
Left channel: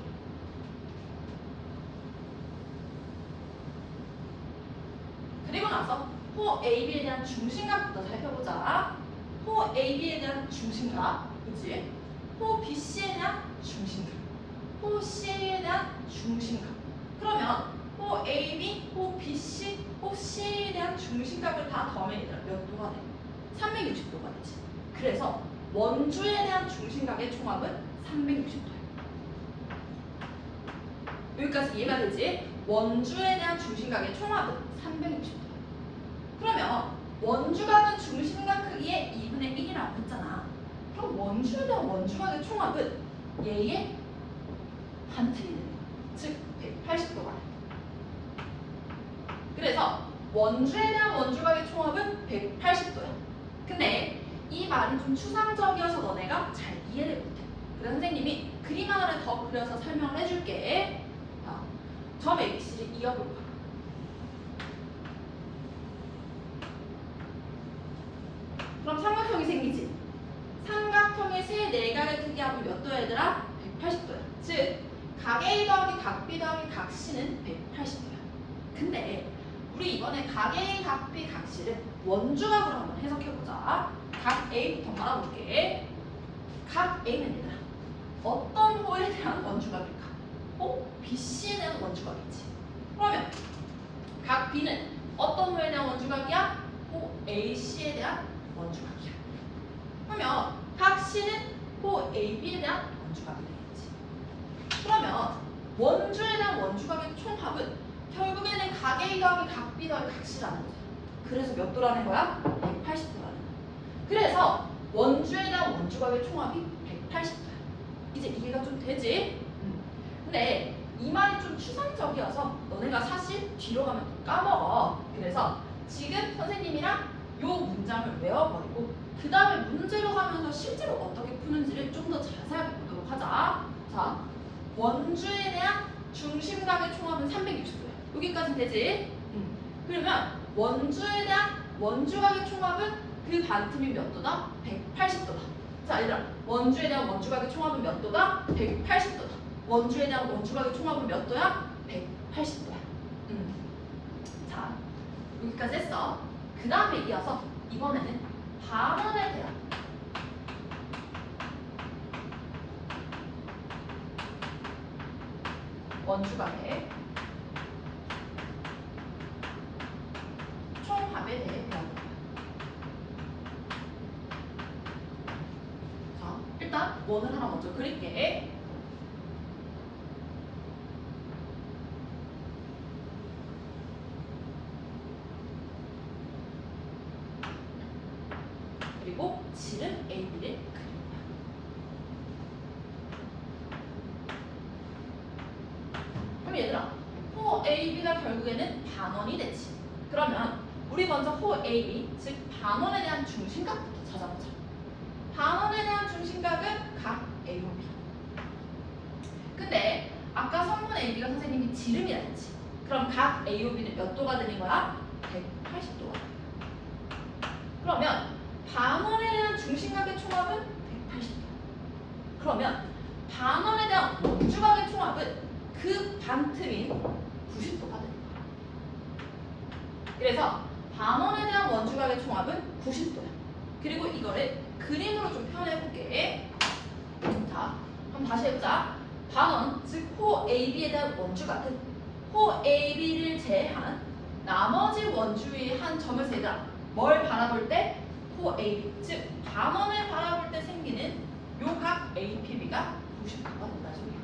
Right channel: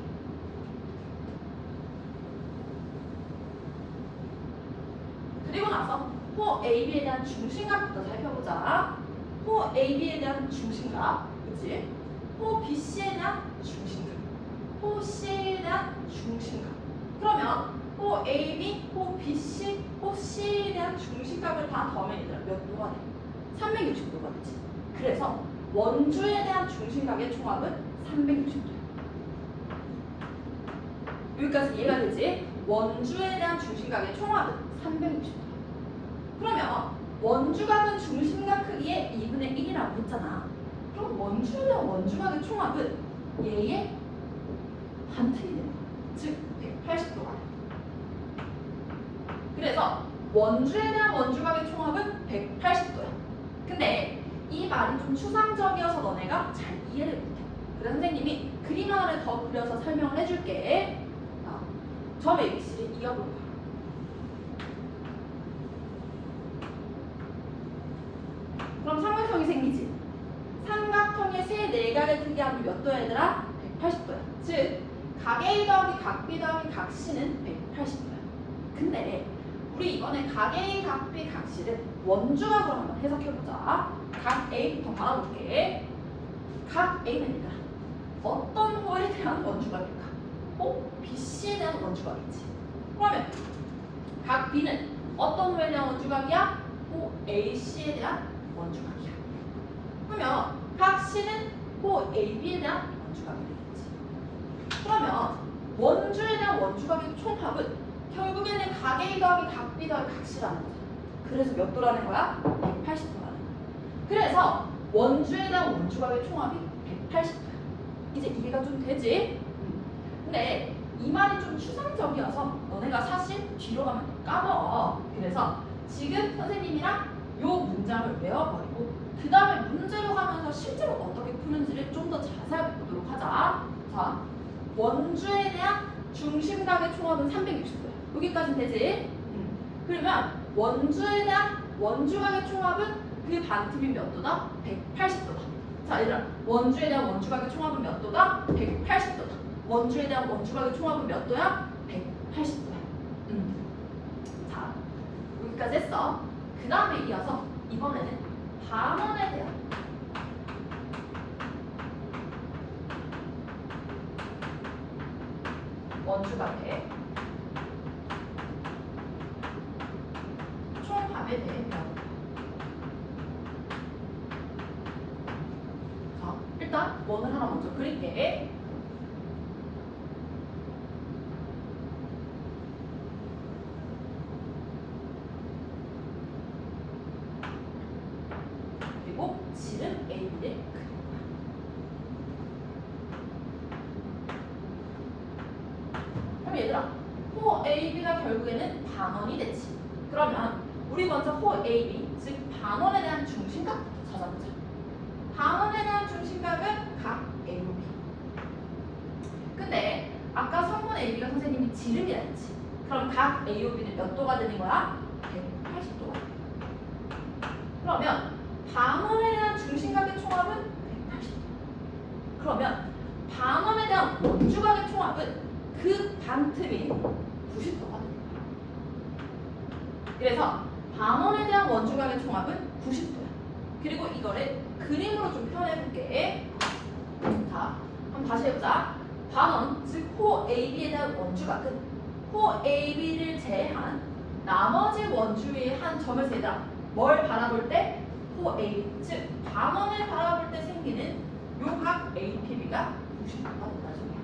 그리고 나서 호 AB에 대한 중심각부터 살펴보자. 호 AB에 대한 중심각, 그치? 호 BC에 대한 중심각, 호 CA에 대한 중심각. 그러면 호 AB, 호 BC, 호 CA에 대한 중심각을 다 더하면 얘들아 몇 도가 돼? 360도가 되지. 그래서 원주에 대한 중심각의 총합은 360도야. 여기까지 이해가 되지? 원주에 대한 중심각의 총합은 360도야. 그러면 원주각은 중심각 크기의 2분의 1이라고 했잖아. 그럼 원주에 대한 원주각의 총합은 얘의 반틀이 되는 거야. 즉 180도가. 그래서 원주에 대한 원주각의 총합은 180도야. 근데 이 말이 좀 추상적이어서 너네가 잘 이해를 못해. 그래서 선생님이 그림 하나를 더 그려서 설명을 해줄게. 점 ABC를 이어볼 거야. 그럼 삼각형이 생기지. 삼각형의 세 내각의 크기 합은 몇 도야 얘들아? 180도야. 즉 각 A 더하기 각 B 더하기 각 C는 180도야. 근데 우리 이번에 각 A, 각 B, 각 C를 원주각으로 한번 해석해보자. 각 A부터 말아볼게. 각 A는 얘들아 어떤 호에 대한 원주각일까? 호 BC에 대한 원주각이지. 그러면 각 B는 어떤 호에 대한 원주각이야? 호 AC에 대한 원주각이야. 그러면 각 C는 호 AB에 대한 원주각이 되겠지. 그러면 원주에 대한 원주각의 총합은 결국에는 각 A 더하기 각 B 더하기 각 C라는 거야. 그래서 몇 도라는 거야? 180도라는 거야. 그래서 원주에 대한 원주각의 총합이 180도야. 이제 이해가 좀 되지? 근데 이 말이 좀 추상적이어서 너네가 사실 뒤로 가면 또 까먹어. 그래서 지금 선생님이랑 요 문장을 외워버리고 그 다음에 문제로 가면서 실제로 어떻게 푸는지를 좀 더 자세하게 보도록 하자. 자, 원주에 대한 중심각의 총합은 360도야. 여기까지는 되지? 그러면 원주에 대한 원주각의 총합은 그 반틈이 몇 도다? 180도다. 자, 얘들아, 원주에 대한 원주각의 총합은 몇 도다? 180도다. 원주에 대한 원주각의 총합은 몇 도야? 180도야. 자, 여기까지 했어. 그 다음에 이어서 이번에는 반원에 대한 원주각의 총합에 대해 배워볼게요. 자, 일단 원을 하나 먼저 그릴게. 그럼 얘들아, 호 AB가 결국에는 반원이 되지. 그러면 우리 먼저 호 AB, 즉 반원에 대한 중심각부터 찾아보자. 반원에 대한 중심각은 각 AOB. 근데 아까 성분 AB가 선생님이 지름이라 했지. 그럼 각 AOB는 몇 도가 되는 거야? 180도가. 그러면 반원에 대한 중심각의 총합은 180도. 그러면 반원에 대한 원주각의 총합은 그 반틈인 90도가 됩니다. 그래서 반원에 대한 원주각의 총합은 90도야. 그리고 이거를 그림으로 좀 표현해 볼게. 자, 한번 다시 해보자. 반원, 즉 호 AB에 대한 원주각은 호 AB를 제외한 나머지 원주의 한 점에서 얘들아 뭘 바라볼 때? 호 AB, 즉 반원을 바라볼 때 생기는 요 각 APB가 90도가 된다 소리야.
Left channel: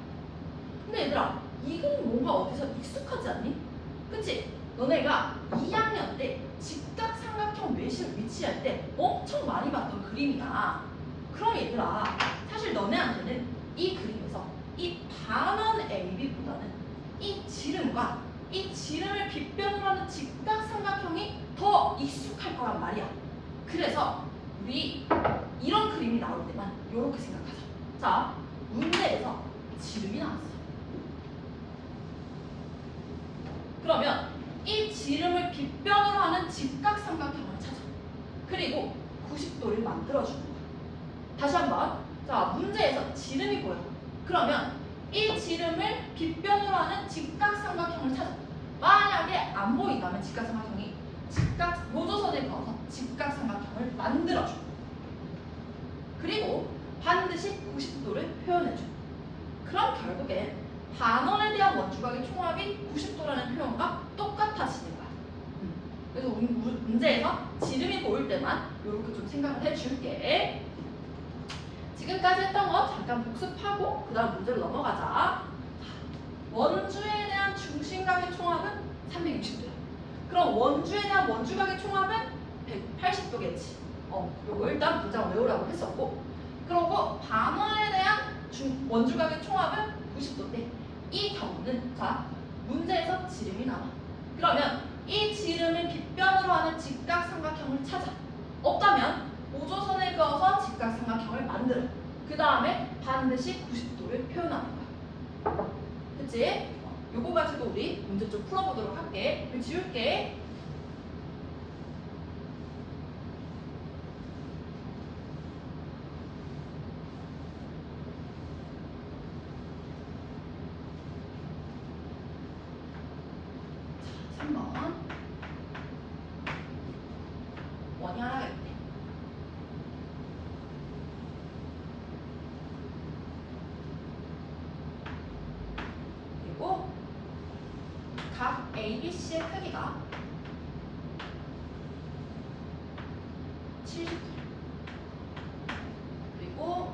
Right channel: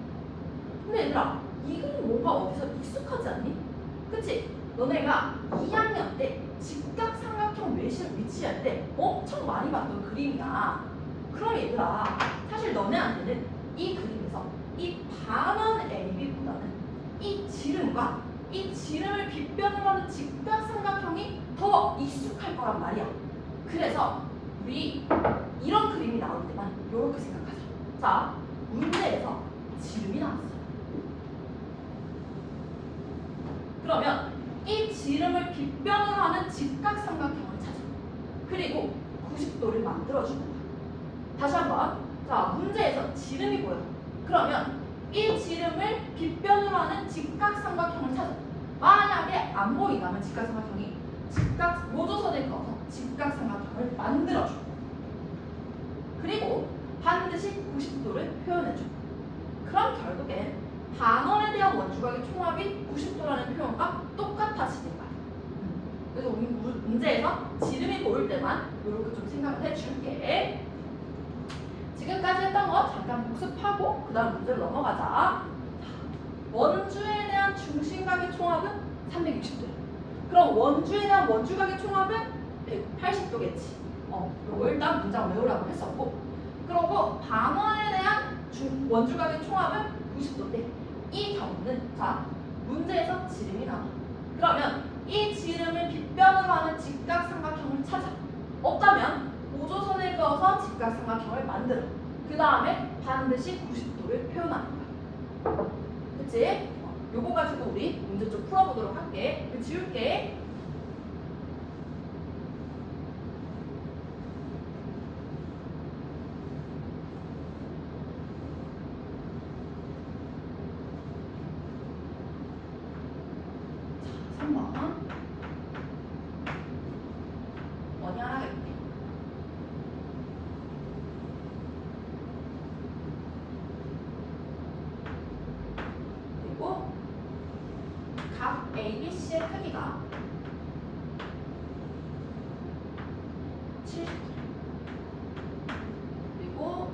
근데 얘들아, 이 그림 뭔가 어디서 익숙하지 않니? 그치? 너네가 2학년 때 직각삼각형 외실 위치할 때 엄청 많이 봤던 그림이야. 그럼 얘들아, 사실 너네한테는 이 그림에서 이 반원 AB보다는 이 지름과 이 지름을 빗변으로 하는 직각삼각형이 더 익숙할 거란 말이야. 그래서 우리 이런 그림이 나올 때만 이렇게 생각하자. 자, 문제에서 지름이 나왔어. 그러면 이 지름을 빗변으로 하는 직각삼각형을 찾아. 그리고 90도를 만들어주는 거야. 다시 한번. 자, 문제에서 지름이 보여. 그러면 이 지름을 빗변으로 하는 직각삼각형을 찾아. 만약에 안 보인다면 직각삼각형이 요조선을 그어서 직각삼각형을 만들어줘. 그리고 반드시 90도를 표현해줘. 그럼 결국엔 반원에 대한 원주각의 총합이 90도라는 표현과 똑같아지는 거야. 그래서 우리 문제에서 지름이 보일 때만 이렇게 좀 생각을 해줄게. 지금까지 했던 거 잠깐 복습하고 그 다음 문제로 넘어가자. 원주에 대한 중심각의 총합은 360도야. 그럼 원주에 대한 원주각의 총합은 180도겠지. 이거 일단 문장 외우라고 했었고, 그리고 반원에 대한 원주각의 총합은 90도인데 이 경우는 자, 문제에서 지름이 나와. 그러면 이 지름을 빗변으로 하는 직각삼각형을 찾아. 없다면 오조선을 그어서 직각삼각형을 만들어. 그 다음에 반드시 90도를 표현하는 거야. 그치? 요거 가지고 우리 문제 좀 풀어보도록 할게. 지울게. 자, 3번. 원이 하나 있네. 그리고 각 ABC의 크기가 70도. 그리고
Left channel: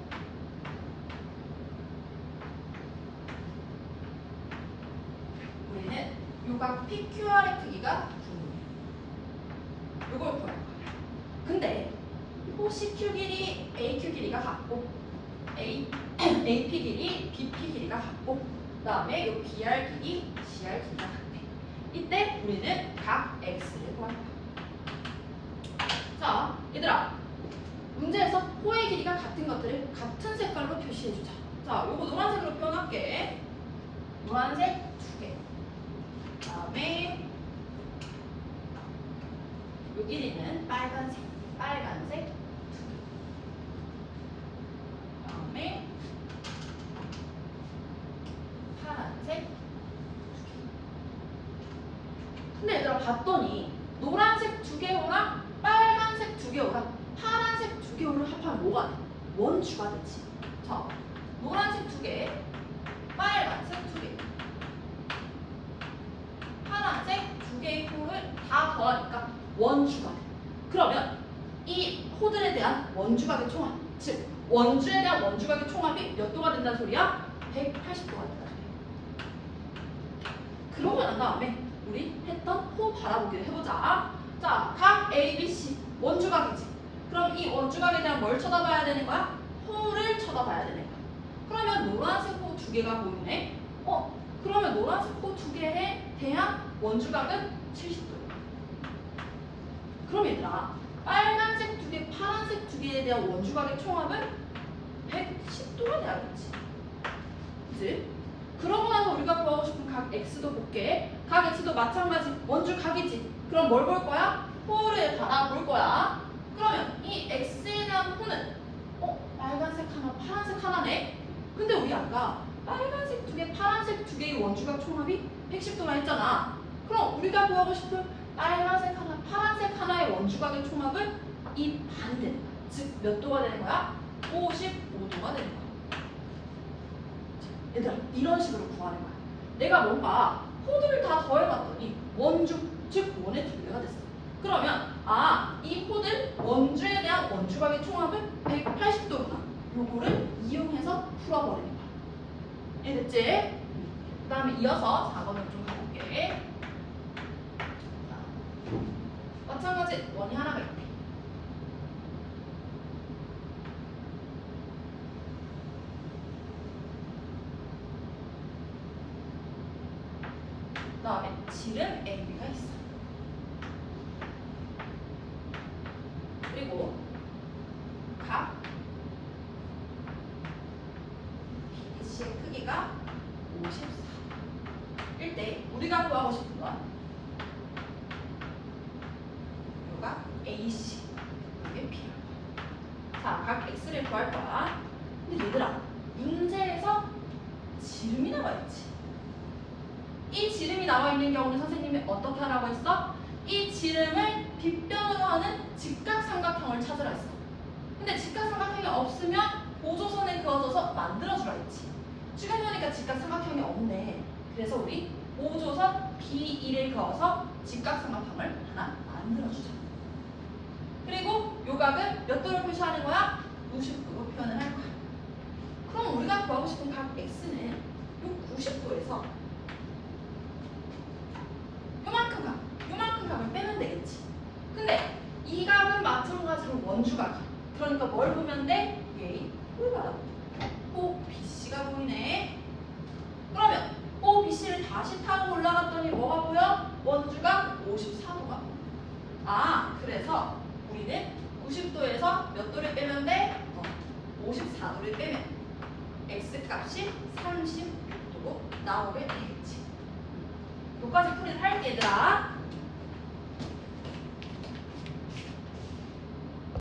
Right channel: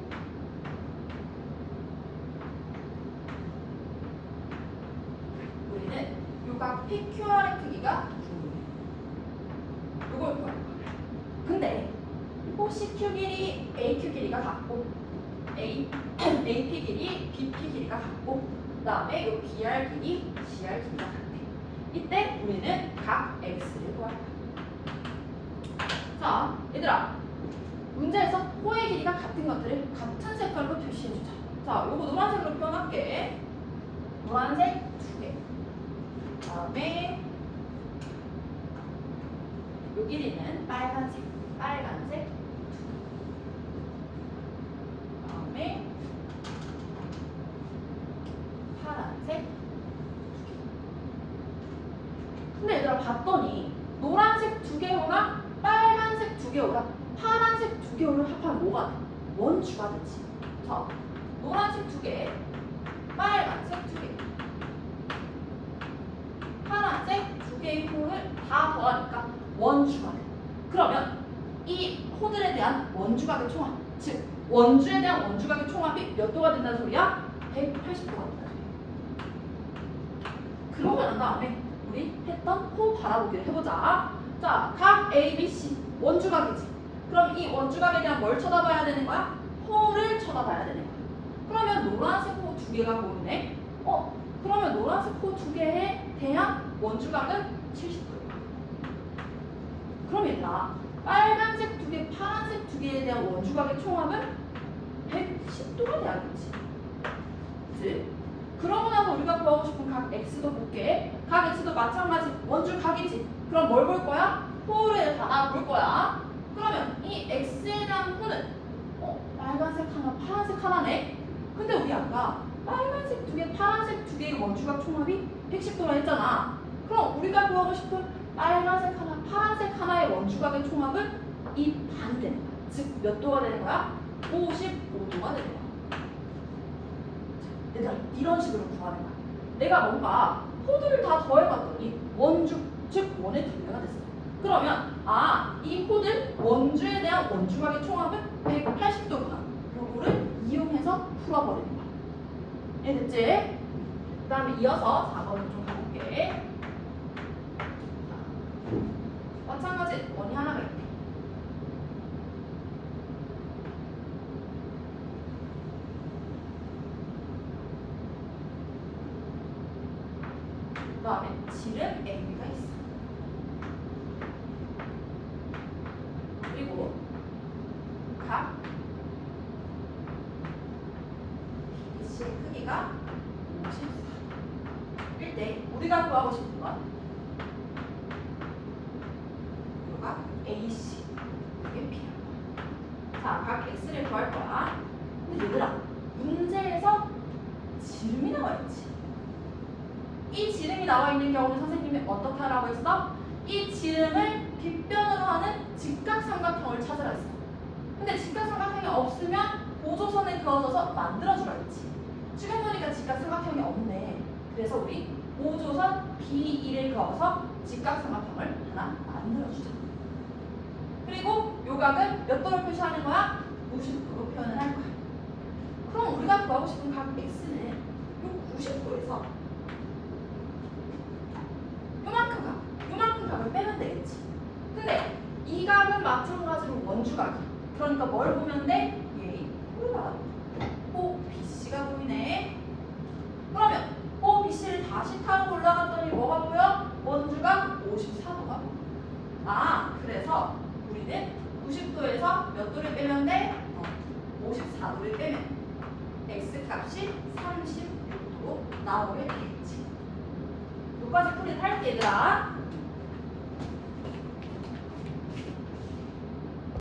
우리는 요각 PQR의 크기가 중요해. 요걸 구할 거야. 근데 호 CQ 길이 AQ 길이가 같고 AP 길이 BP 길이가 같고 그 다음에 요 BR 길이 CR 길이가 같대. 이때 우리는 각 X를 구할 거야. 자, 얘들아, 문제에서 호의 길이가 같은 것들을 같은 색깔로 표시해주자. 자, 요거 노란색으로 표현할게. 노란색 2개. 다음에 요 길이는 빨간색 2개. 다음에 파란색 2개. 근데 얘들아 봤더니 노란색 2개호랑 빨간색 2개호랑 파란색 2개호를 합하면 뭐가 돼? 원주가 되지. 자, 노란색 2개, 빨간색 2개, 파란색 2개의 호를 다 더하니까 원주가 돼. 그러면 이 호들에 대한 원주각의 총합, 즉 원주에 대한 원주각의 총합이 몇 도가 된다는 소리야? 180도가 된다는 소리야. 그러고 난 다음에 우리 했던 호 바라보기를 해보자. 자, 각 ABC 원주각이지. 그럼 이 원주각에 대한 뭘 쳐다봐야 되는 거야? 호를 쳐다봐야 되는 거야. 그러면 노란색 호 2개가 보이네. 그러면 노란색 호 원주각은 70도예요. 그럼 얘들아, 빨간색 두 개, 파란색 두 개에 대한 원주각의 총합은 110도가 돼야겠지. 그치? 그러고 나서 우리가 구하고 싶은 각 x도 볼게. 각 x도 마찬가지 원주각이지. 그럼 뭘 볼 거야? 호를 바라볼 거야. 그러면 이 x에 대한 호는 빨간색 하나, 파란색 하나네. 근데 우리 아까 빨간색 두 개, 파란색 두 개의 원주각 총합이 110도라 했잖아. 그럼 우리가 구하고 싶은 빨간색 하나, 파란색 하나의 원주각의 총합은 이 반이 되는 거야. 즉 몇 도가 되는 거야? 55도가 되는 거야. 얘들아, 이런 식으로 구하는 거야. 내가 뭔가 호들을 다 더해봤더니 원주, 즉 원의 두 배가 됐어. 그러면 이 호들 원주에 대한 원주각의 총합은 180도구나. 요거를 이용해서 풀어버리는 거야. 이해됐지? 그 다음에 이어서 4번을 좀 가볼게. 마찬가지 원이 하나가 있대. 그 다음에 지름 AB가 있어. 그리고 각 BC의 크기가 54일 때 우리가 구하고 싶은 건 요각 AC 이게 B야. 자, 각 X를 구할 거야. 근데 얘들아, 문제에서 지름이 나와 있지. 이 지름이 나와 있는 경우는 선생님이 어떻게 하라고 했어? 이 지름을 빗변으로 하는 직각삼각형을 찾으라 했어. 근데 직각삼각형이 없으면 보조선에 그어져서 만들어주라 했지. 지금 보니까 직각삼각형이 없네. 그래서 우리 보조선 B1에 그어서 직각삼각형을 하나 만들어주자. 그리고 요각은 몇 도로 표시하는 거야? 90도로 표현을 할 거야. 그럼 우리가 구하고 싶은 각 X는 요 90도에서 요만큼 각을 빼면 되겠지. 근데 이 각은 마찬가지로 원주각이야. 그러니까 뭘 보면 돼? 얘 홀라. 호 BC가 보이네. 그러면 호 BC를 다시 타고 올라갔더니 뭐가 보여? 원주각 54도가 보여. 그래서 우리는 90도에서 몇 도를 빼면 돼? 54도를 빼면 X 값이 36도로 나오게 되겠지. 여기까지 풀이를 할게 얘들아.